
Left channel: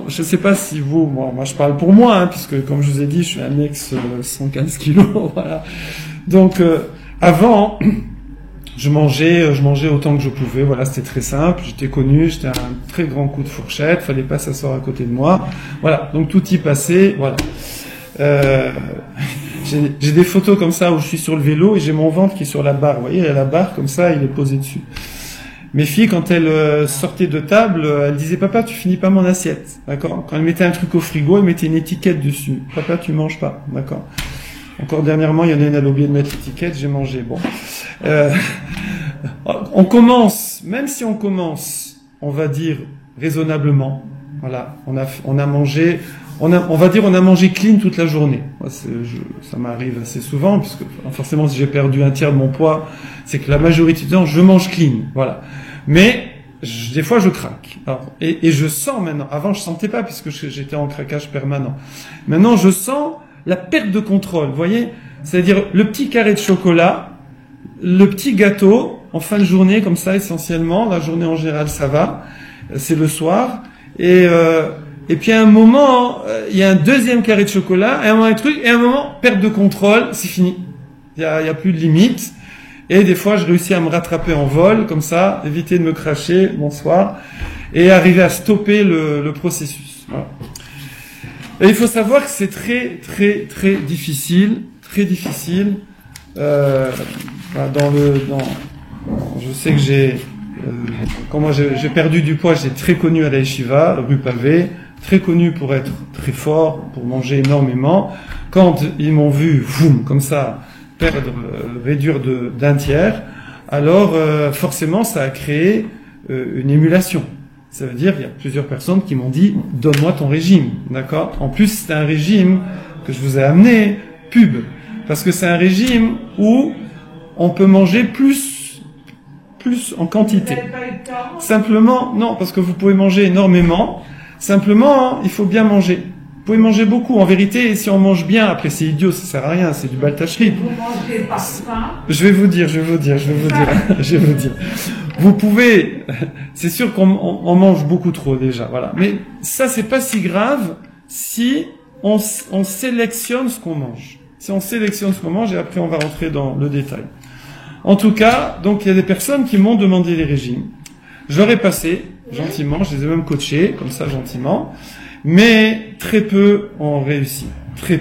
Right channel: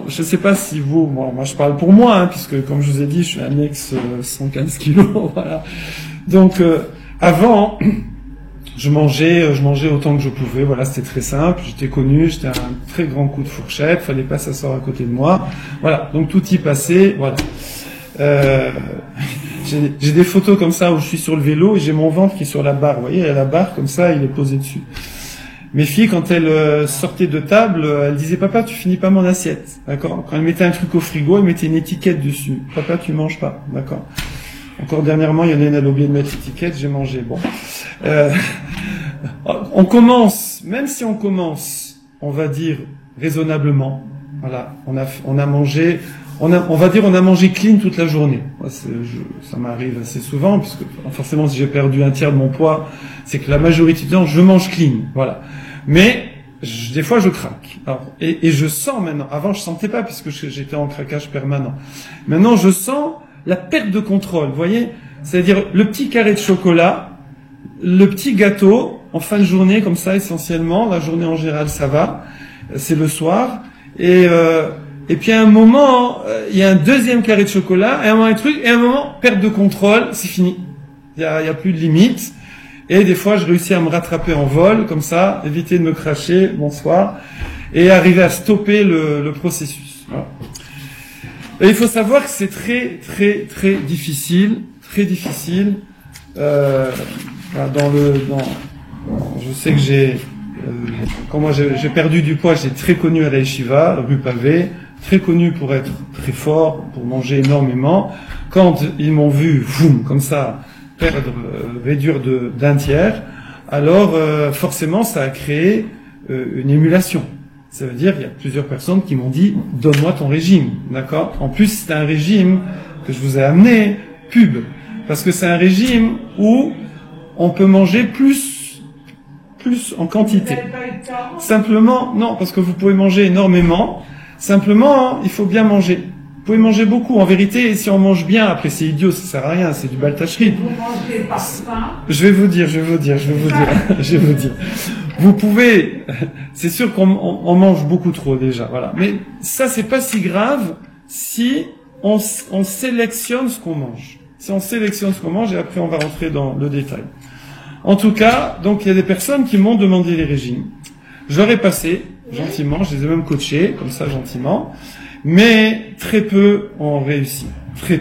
je sais pas si vous, moi je parle pour moi, hein, puisque comme je vous ai dit, je suis un ex 115 kilos, voilà. Donc, avant, je mangeais autant que je pouvais, voilà, c'était très simple, j'étais connu, j'étais un très grand coup de fourchette, fallait pas s'asseoir à côté de moi, voilà, donc tout y passait, voilà. J'ai des photos comme ça où je suis sur le vélo et j'ai mon ventre qui est sur la barre, vous voyez, il y a la barre comme ça, il est posé dessus. Mes filles, quand elles sortaient de table, elles disaient « Papa, tu finis pas mon assiette », d'accord? Quand elles mettaient un truc au frigo, elles mettaient une étiquette dessus. « Papa, tu manges pas », d'accord? Encore dernièrement, il y en a une, elle a oublié de mettre l'étiquette, j'ai mangé, bon. On commence, même si on commence, on va dire raisonnablement, voilà, on a mangé, on va dire on a mangé clean toute la journée. Ça m'arrive assez souvent, puisque forcément si j'ai perdu un tiers de mon poids, c'est que la majorité du temps je mange clean, voilà. Mais des fois je craque. Alors, et je sens maintenant, avant je sentais pas puisque j'étais en craquage permanent. Maintenant je sens la perte de contrôle, vous voyez? C'est-à-dire le petit carré de chocolat, le petit gâteau, en fin de journée comme ça essentiellement, la journée en général ça va, c'est le soir, et puis à un moment, il y a un deuxième carré de chocolat, et à un moment un truc, et à un moment, perte de contrôle, c'est fini. Il y a plus de limite. Et des fois, je réussis à me rattraper en vol, comme ça, éviter de me cracher, bonsoir, et arriver à stopper le processus. Voilà. Et il faut savoir que c'est très, très, très difficile, je sais que quand moi j'ai perdu du poids, j'étais très connu à la yeshiva, rue Pavé, très connu pour être très fort, pour manger énormément. Quand ils m'ont vu, comme ça, réduire d'un tiers, alors forcément ça a créé une émulation. Ça veut dire qu'il y a plusieurs personnes qui m'ont dit « Donne-moi ton régime », d'accord? En plus, c'est un régime que je vous ai amené, pub, parce que c'est un régime où on peut manger plus en quantité. Simplement, non, parce que vous pouvez manger énormément. Simplement, il faut bien manger. Vous pouvez manger beaucoup. En vérité, si on mange bien, après c'est idiot, ça sert à rien, c'est du baltachri. Je vais vous dire. Vous pouvez, c'est sûr qu'on mange beaucoup trop déjà, voilà. Mais ça, c'est pas si grave si on sélectionne ce qu'on mange. Si on sélectionne ce qu'on mange, et après on va rentrer dans le détail. En tout cas, donc il y a des personnes qui m'ont demandé les régimes. Je leur ai passé, gentiment, je les ai même coachés, comme ça, gentiment. Mais très peu ont réussi. Très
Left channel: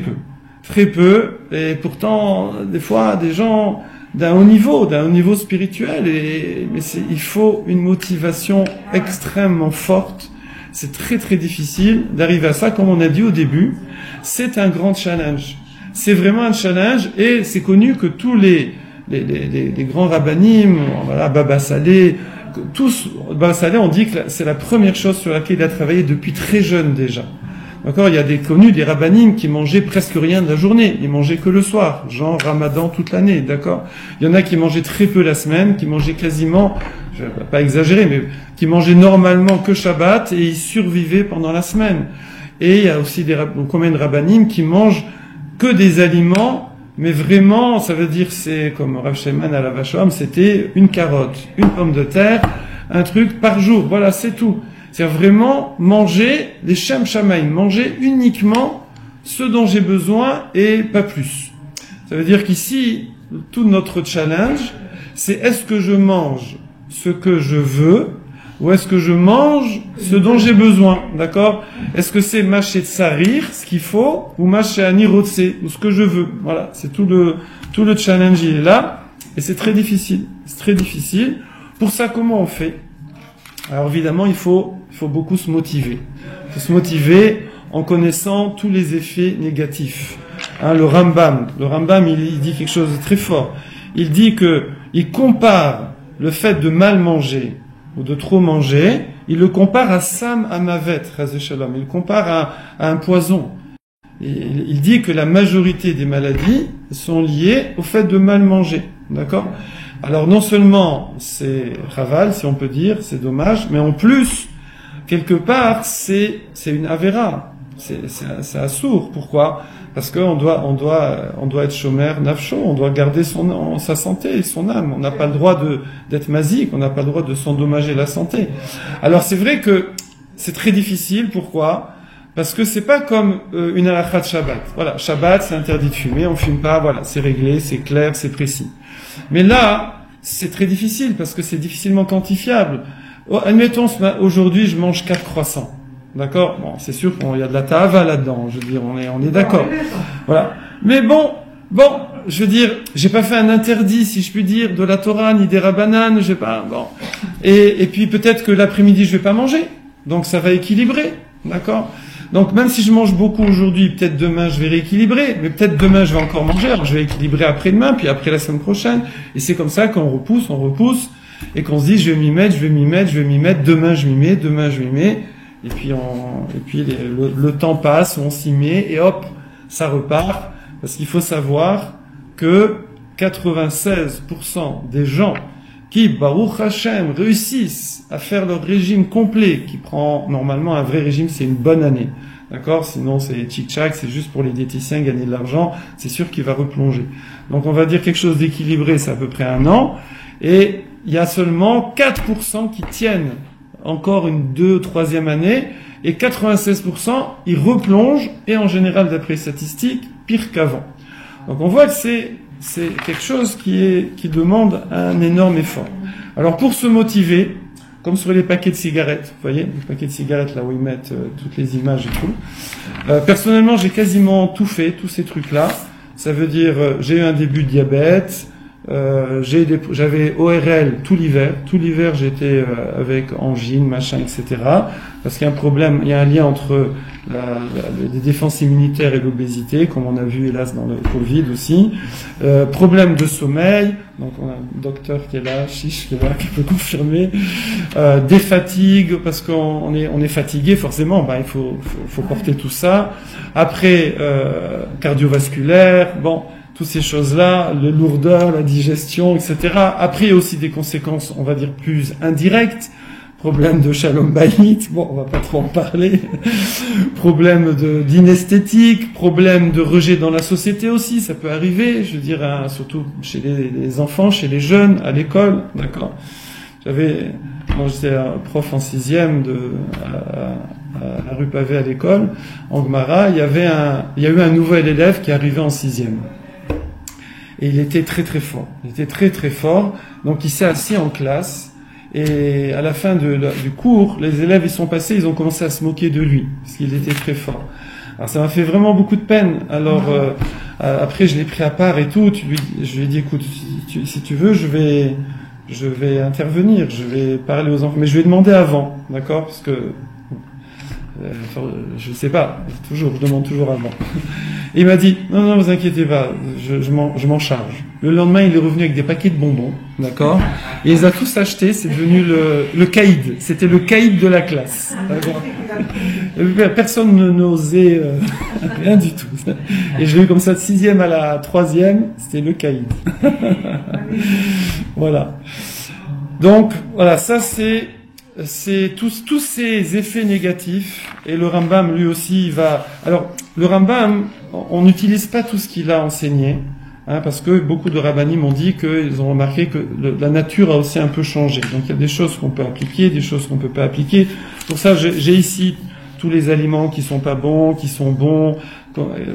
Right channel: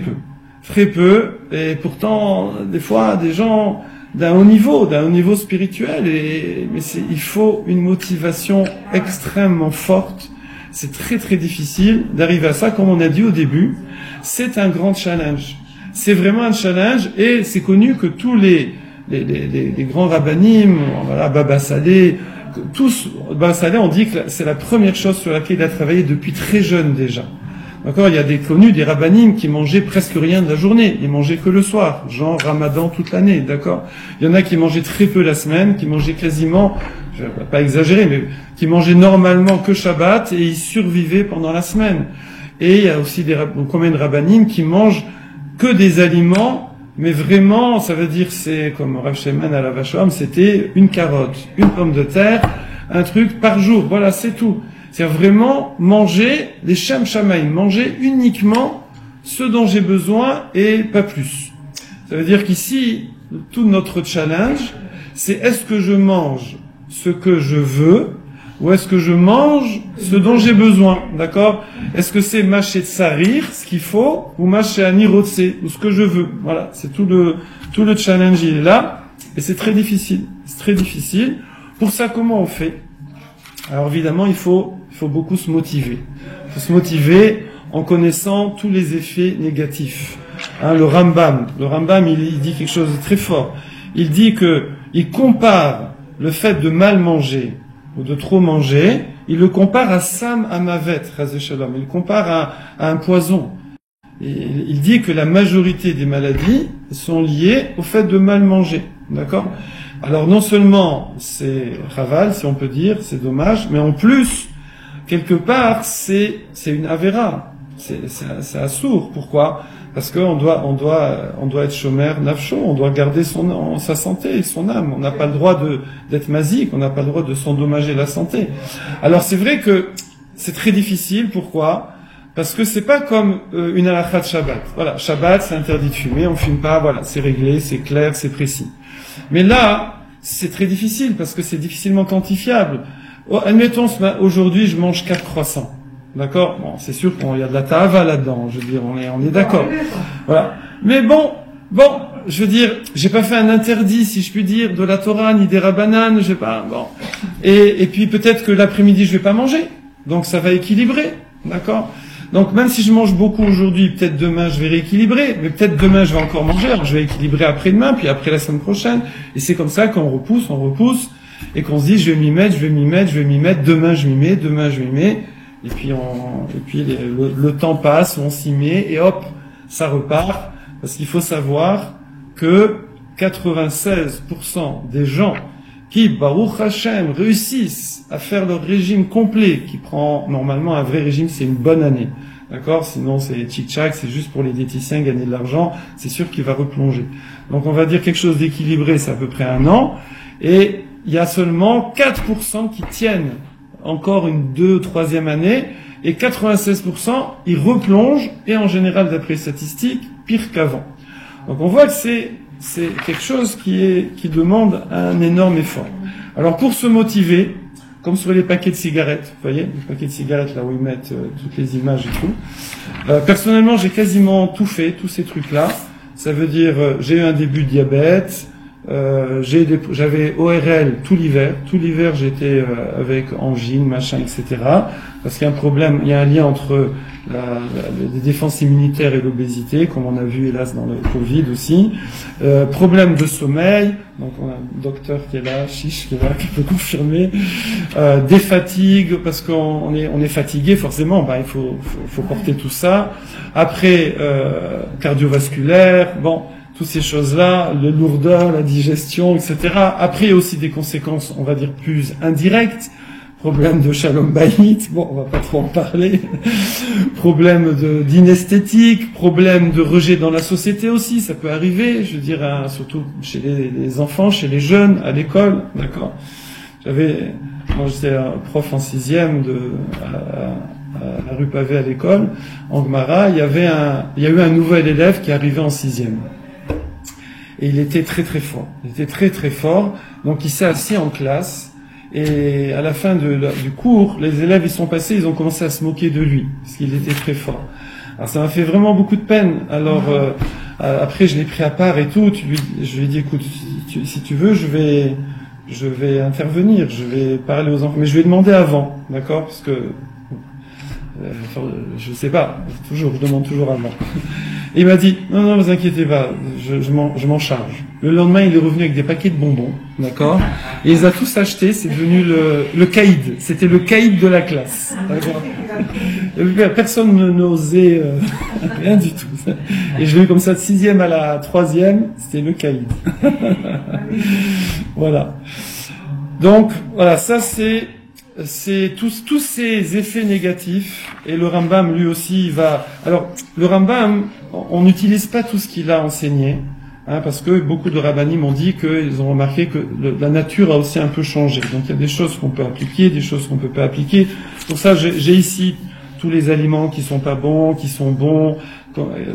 peu. Et pourtant, des fois, des gens d'un haut niveau spirituel. Mais il faut une motivation extrêmement forte. C'est très très difficile d'arriver à ça. Comme on a dit au début, c'est un grand challenge. C'est vraiment un challenge et c'est connu que tous les grands rabbinim, voilà, Baba Saleh, Baba Saleh, on dit que c'est la première chose sur laquelle il a travaillé depuis très jeune déjà. D'accord, il y a des rabbinim qui mangeaient presque rien de la journée, ils mangeaient que le soir, genre Ramadan toute l'année, d'accord. Il y en a qui mangeaient très peu la semaine, qui mangeaient quasiment, je vais pas exagérer, mais qui mangeaient normalement que Shabbat et ils survivaient pendant la semaine. Et il y a aussi combien de rabbinim qui mangent que des aliments, mais vraiment, ça veut dire, c'est comme Rav Sheman à la Vachom, c'était une carotte, une pomme de terre, un truc par jour, voilà, c'est tout. C'est vraiment manger les Shem Shamaim, manger uniquement ce dont j'ai besoin et pas plus. Ça veut dire qu'ici, tout notre challenge, c'est est-ce que je mange ce que je veux ou est-ce que je mange ce dont j'ai besoin, d'accord? Est-ce que c'est mâcher de sarir, ce qu'il faut, ou mâcher à nirotse, ou ce que je veux? Voilà, c'est tout le challenge, il est là, et c'est très difficile. C'est très difficile. Pour ça, comment on fait? Alors évidemment, il faut beaucoup se motiver. Il faut se motiver en connaissant tous les effets négatifs. Hein, le Rambam, il dit quelque chose de très fort. Il dit il compare le fait de mal manger ou de trop manger, il le compare à Sam Amavet, Shalom. Il le compare à un poison. Il dit que la majorité des maladies sont liées au fait de mal manger. D'accord? Alors non seulement c'est raval, si on peut dire, c'est dommage, mais en plus, quelque part, c'est une avéra. C'est assourd. Pourquoi? Parce qu'on doit être chômeur nafsho, on doit garder sa santé, son âme. On n'a pas le droit d'être masique, on n'a pas le droit de s'endommager la santé. Alors c'est vrai que c'est très difficile. Pourquoi? Parce que c'est pas comme une halakha de Shabbat. Voilà, Shabbat c'est interdit de fumer, on fume pas, voilà, c'est réglé, c'est clair, c'est précis. Mais là, c'est très difficile parce que c'est difficilement quantifiable. Admettons, aujourd'hui je mange 4 croissants. D'accord? Bon, c'est sûr qu'il y a de la ta'ava là-dedans, je veux dire, on est d'accord. Voilà. Mais bon, je veux dire, j'ai pas fait un interdit, si je puis dire, de la Torah, ni des rabbanan, j'ai pas, bon. Et puis peut-être que l'après-midi je vais pas manger. Donc ça va équilibrer. D'accord? Donc même si je mange beaucoup aujourd'hui, peut-être demain je vais rééquilibrer, mais peut-être demain je vais encore manger, alors je vais équilibrer après-demain, puis après la semaine prochaine. Et c'est comme ça qu'on repousse, et qu'on se dit je vais m'y mettre, demain je m'y mets. Et puis le temps passe, on s'y met, et hop, ça repart. Parce qu'il faut savoir que 96% des gens qui, Baruch Hashem, réussissent à faire leur régime complet, qui prend normalement un vrai régime, c'est une bonne année. D'accord? Sinon, c'est tchitchak, c'est juste pour les diététiciens gagner de l'argent, c'est sûr qu'il va replonger. Donc on va dire quelque chose d'équilibré, c'est à peu près 1 an. Et il y a seulement 4% qui tiennent encore une 2 ou 3e année, et 96%, ils replongent, et en général, d'après les statistiques, pire qu'avant. Donc on voit que c'est quelque chose qui demande un énorme effort. Alors pour se motiver, comme sur les paquets de cigarettes, vous voyez, les paquets de cigarettes là où ils mettent toutes les images et tout. Personnellement, j'ai quasiment tout fait, tous ces trucs-là. Ça veut dire, j'ai eu un début de diabète, j'avais ORL tout l'hiver. Tout l'hiver, j'étais avec angine, machin, etc. Parce qu'il y a un problème, il y a un lien entre les défenses immunitaires et l'obésité, comme on a vu hélas dans le Covid aussi. Problème de sommeil, donc on a un docteur qui est là, Chiche qui est là, qui peut confirmer. Des fatigues, parce qu'on est fatigué forcément, il faut porter tout ça. Après, cardiovasculaire, bon. Toutes ces choses-là, le lourdeur, la digestion, etc. Après, il y a aussi des conséquences, on va dire, plus indirectes. Problème de shalom bayit, bon, on va pas trop en parler. Problème d'inesthétique, problème de rejet dans la société aussi, ça peut arriver, je veux dire, surtout chez les enfants, chez les jeunes, à l'école, d'accord. J'étais prof en 6e à la rue Pavé à l'école, en Gemara, il y a eu un nouvel élève qui est arrivé en 6e. Et il était très très fort. Donc il s'est assis en classe. Et à la fin du cours, les élèves ils sont passés, ils ont commencé à se moquer de lui. Parce qu'il était très fort. Alors ça m'a fait vraiment beaucoup de peine. Alors après je l'ai pris à part et tout. Je lui ai dit écoute, si tu veux, je vais intervenir. Je vais parler aux enfants. Mais je lui ai demandé avant. D'accord? Parce que Je sais pas, je demande toujours à Allah. Et il m'a dit, non, non, ne vous inquiétez pas, je m'en charge. Le lendemain, il est revenu avec des paquets de bonbons, d'accord? Et il les a tous achetés, c'est devenu le caïd. C'était le caïd de la classe. Personne n'osait rien du tout. Et je l'ai eu comme ça de 6e à la 3e, c'était le caïd. Voilà. Donc, voilà, ça c'est tous ces effets négatifs, et le Rambam lui aussi va. Alors le Rambam, on n'utilise pas tout ce qu'il a enseigné, hein, parce que beaucoup de rabbanim m'ont dit qu'ils ont remarqué que la nature a aussi un peu changé. Donc il y a des choses qu'on peut appliquer, des choses qu'on peut pas appliquer. Pour ça, j'ai ici tous les aliments qui sont pas bons, qui sont bons,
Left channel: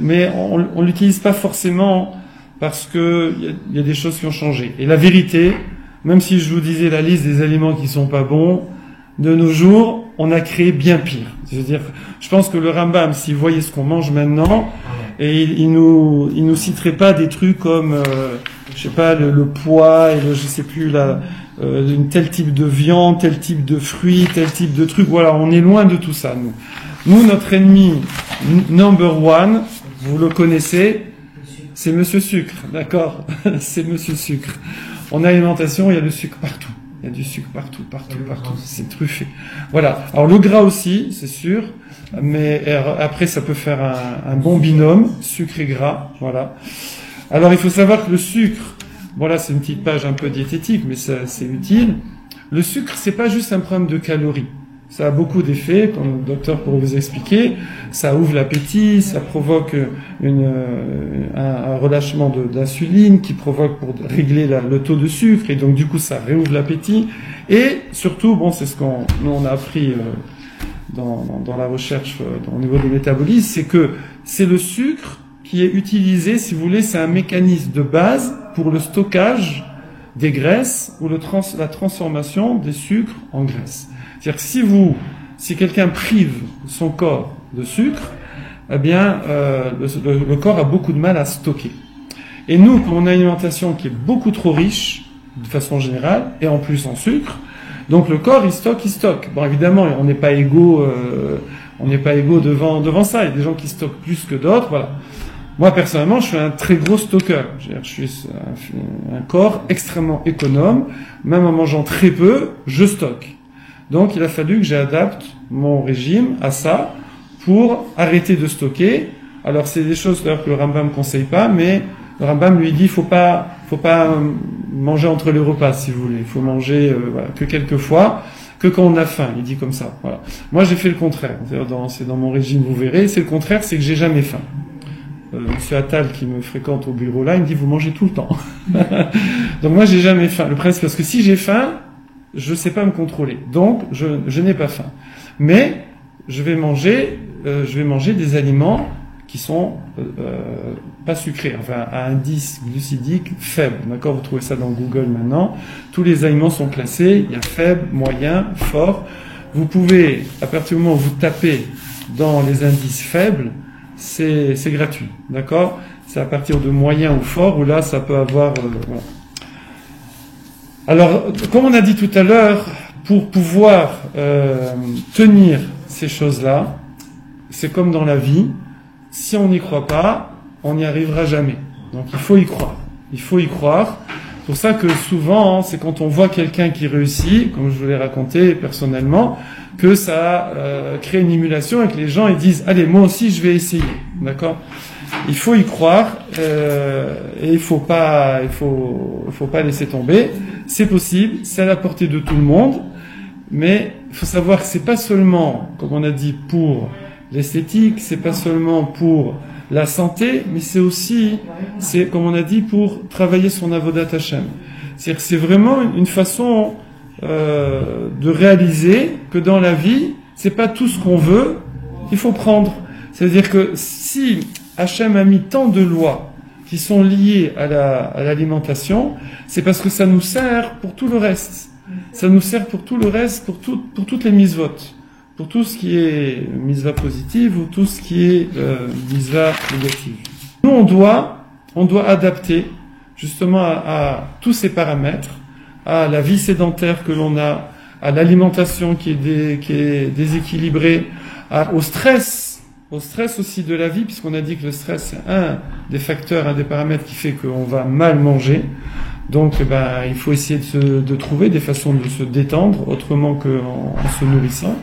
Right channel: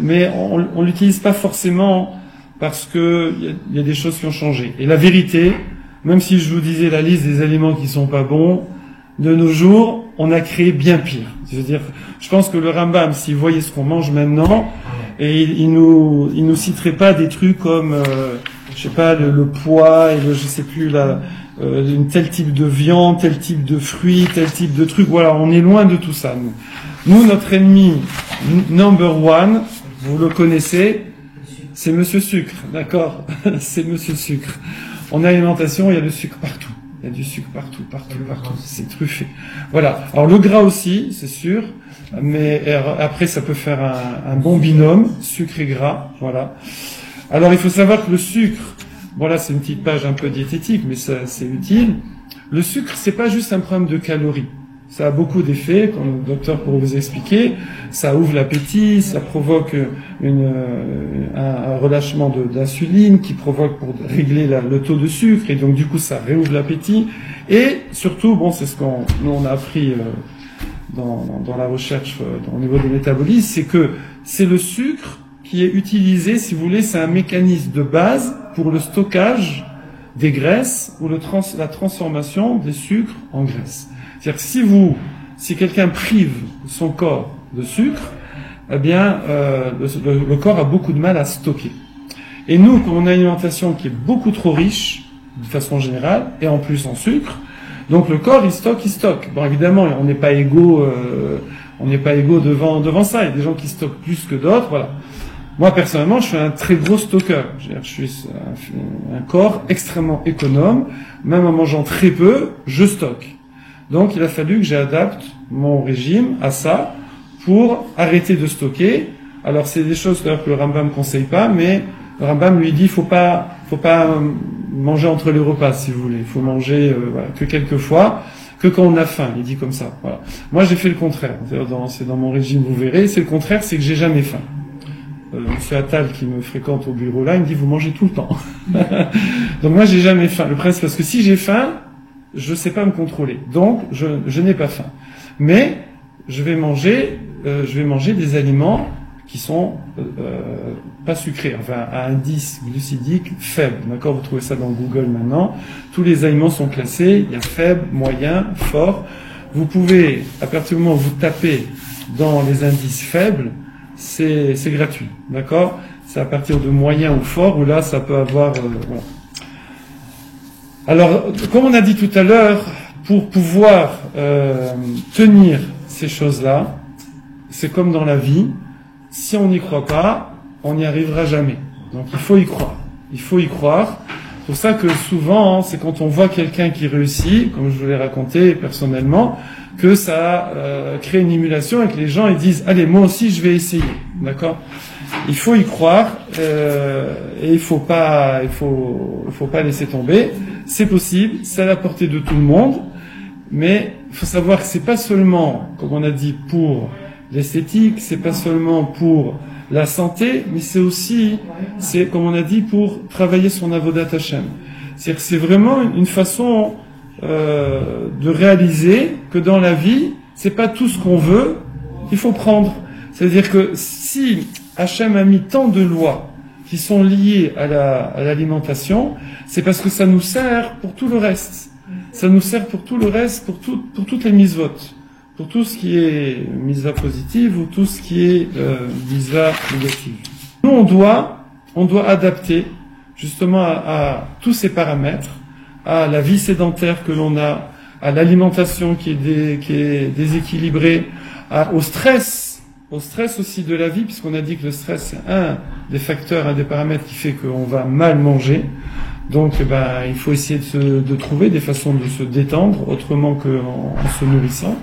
mais on l'utilise pas forcément parce que il y a des choses qui ont changé. Et la vérité, même si je vous disais la liste des aliments qui sont pas bons, de nos jours, on a créé bien pire. C'est-à-dire, je pense que le Rambam, s'il voyait ce qu'on mange maintenant, et il nous citerait pas des trucs comme, je sais pas, le poids, et je sais plus, tel type de viande, tel type de fruits, tel type de trucs. Voilà, on est loin de tout ça, nous. Nous, notre ennemi number one, vous le connaissez, c'est Monsieur Sucre, d'accord? C'est Monsieur Sucre. En alimentation, il y a le sucre partout. Il y a du sucre partout. C'est truffé. Voilà. Alors le gras aussi, c'est sûr, mais après ça peut faire un bon binôme, sucre et gras. Voilà. Alors il faut savoir que le sucre, voilà, c'est une petite page un peu diététique, mais c'est utile. Le sucre, c'est pas juste un problème de calories. Ça a beaucoup d'effets, comme le docteur pourrait vous expliquer. Ça ouvre l'appétit, ça provoque un relâchement d'insuline qui provoque pour régler le taux de sucre, et donc du coup ça réouvre l'appétit. Et surtout, bon, c'est ce qu'on a appris dans la recherche au niveau des métabolismes, c'est que c'est le sucre qui est utilisé, si vous voulez, c'est un mécanisme de base pour le stockage des graisses ou la transformation des sucres en graisses. C'est-à-dire que si quelqu'un prive son corps de sucre, eh bien, le corps a beaucoup de mal à stocker. Et nous, on a une alimentation qui est beaucoup trop riche, de façon générale, et en plus en sucre, donc le corps, il stocke. Bon, évidemment, on n'est pas égaux devant ça. Il y a des gens qui stockent plus que d'autres, voilà. Moi, personnellement, je suis un très gros stockeur. Je suis un corps extrêmement économe. Même en mangeant très peu, je stocke. Donc, il a fallu que j'adapte mon régime à ça pour arrêter de stocker. Alors, c'est des choses que le Rambam ne conseille pas, mais le Rambam lui dit, faut pas manger entre les repas, si vous voulez. Il faut manger voilà, que quelques fois, que quand on a faim. Il dit comme ça. Voilà. Moi, j'ai fait le contraire. C'est dans mon régime, vous verrez. C'est le contraire, c'est que j'ai jamais faim. C'est Attal qui me fréquente au bureau là, il me dit, vous mangez tout le temps. Donc moi, j'ai jamais faim. Le principe, parce que si j'ai faim, je ne sais pas me contrôler. Donc, je n'ai pas faim. Mais, je vais manger des aliments qui sont pas sucrés, enfin, à indice glucidique faible. D'accord? Vous trouvez ça dans Google maintenant. Tous les aliments sont classés. Il y a faible, moyen, fort. Vous pouvez, à partir du moment où vous tapez dans les indices faibles, c'est gratuit. D'accord? C'est à partir de moyen ou fort où là, ça peut avoir... voilà. Alors, comme on a dit tout à l'heure, pour pouvoir tenir ces choses-là, c'est comme dans la vie, si on n'y croit pas, on n'y arrivera jamais. Donc il faut y croire. Il faut y croire. C'est pour ça que souvent, c'est quand on voit quelqu'un qui réussit, comme je vous l'ai raconté personnellement, que ça crée une émulation et que les gens ils disent « Allez, moi aussi je vais essayer ». D'accord ? Il faut y croire et il faut pas laisser tomber. C'est possible, c'est à la portée de tout le monde, mais il faut savoir que c'est pas seulement, comme on a dit, pour l'esthétique, c'est pas seulement pour la santé, mais c'est aussi, comme on a dit, pour travailler son avodat Hashem. C'est-à-dire que c'est vraiment une façon de réaliser que dans la vie, c'est pas tout ce qu'on veut qu'il faut prendre. C'est-à-dire que si Hashem a mis tant de lois qui sont liées à l'alimentation, c'est parce que ça nous sert pour tout le reste. Ça nous sert pour tout le reste, pour toutes les mitzvot. Pour tout ce qui est mitzvah positive ou tout ce qui est mitzvah négative. Nous, on doit adapter justement à tous ces paramètres, à la vie sédentaire que l'on a, à l'alimentation qui est déséquilibrée, au stress aussi de la vie, puisqu'on a dit que le stress c'est un des facteurs, un des paramètres qui fait qu'on va mal manger. Donc il faut essayer de trouver des façons de se détendre autrement qu'en se nourrissant.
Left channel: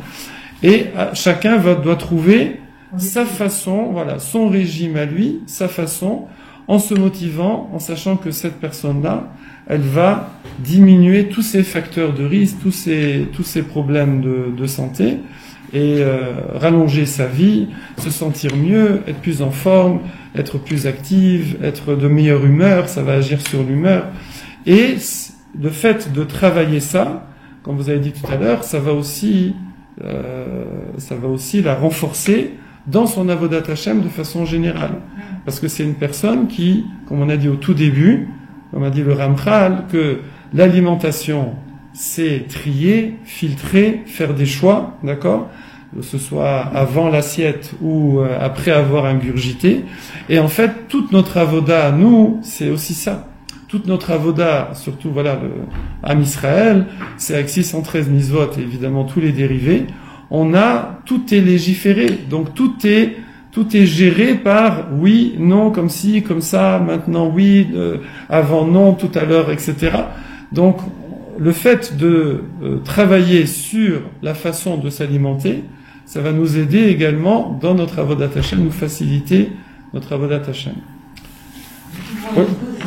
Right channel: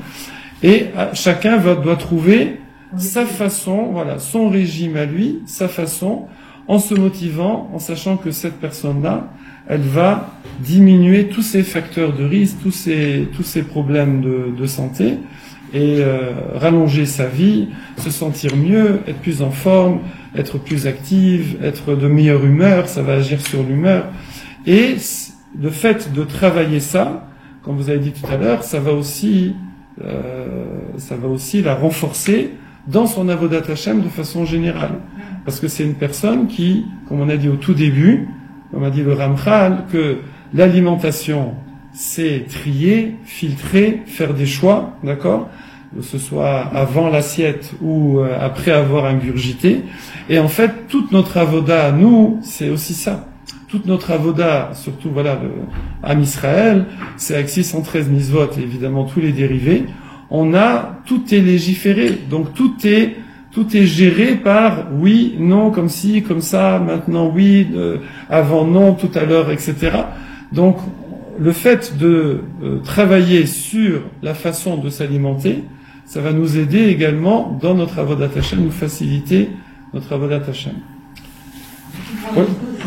Et chacun doit trouver sa façon, voilà, son régime à lui, sa façon, en se motivant, en sachant que cette personne-là, elle va diminuer tous ces facteurs de risque, tous ces problèmes de santé, et rallonger sa vie, se sentir mieux, être plus en forme, être plus active, être de meilleure humeur, ça va agir sur l'humeur. Et le fait de travailler ça, comme vous avez dit tout à l'heure, ça va aussi la renforcer dans son avodat Hashem de façon générale. Parce que c'est une personne qui, comme on a dit au tout début, comme a dit le Ramchal, que l'alimentation, c'est trier, filtrer, faire des choix, d'accord ? Que ce soit avant l'assiette ou après avoir ingurgité. Et en fait, toute notre avoda, nous, c'est aussi ça. Toute notre avoda, surtout voilà, Am Israël, c'est avec 613 misvot et évidemment tous les dérivés, tout est légiféré, donc tout est géré par oui, non, comme ci, comme ça, maintenant oui, avant non, tout à l'heure, etc. Donc le fait de travailler sur la façon de s'alimenter, ça va nous aider également dans notre avodat Hashem, nous faciliter notre avodat Hashem.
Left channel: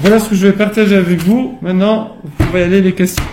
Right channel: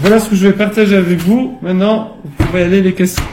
Voilà ce que je vais partager avec vous. Maintenant, vous pouvez aller les questions.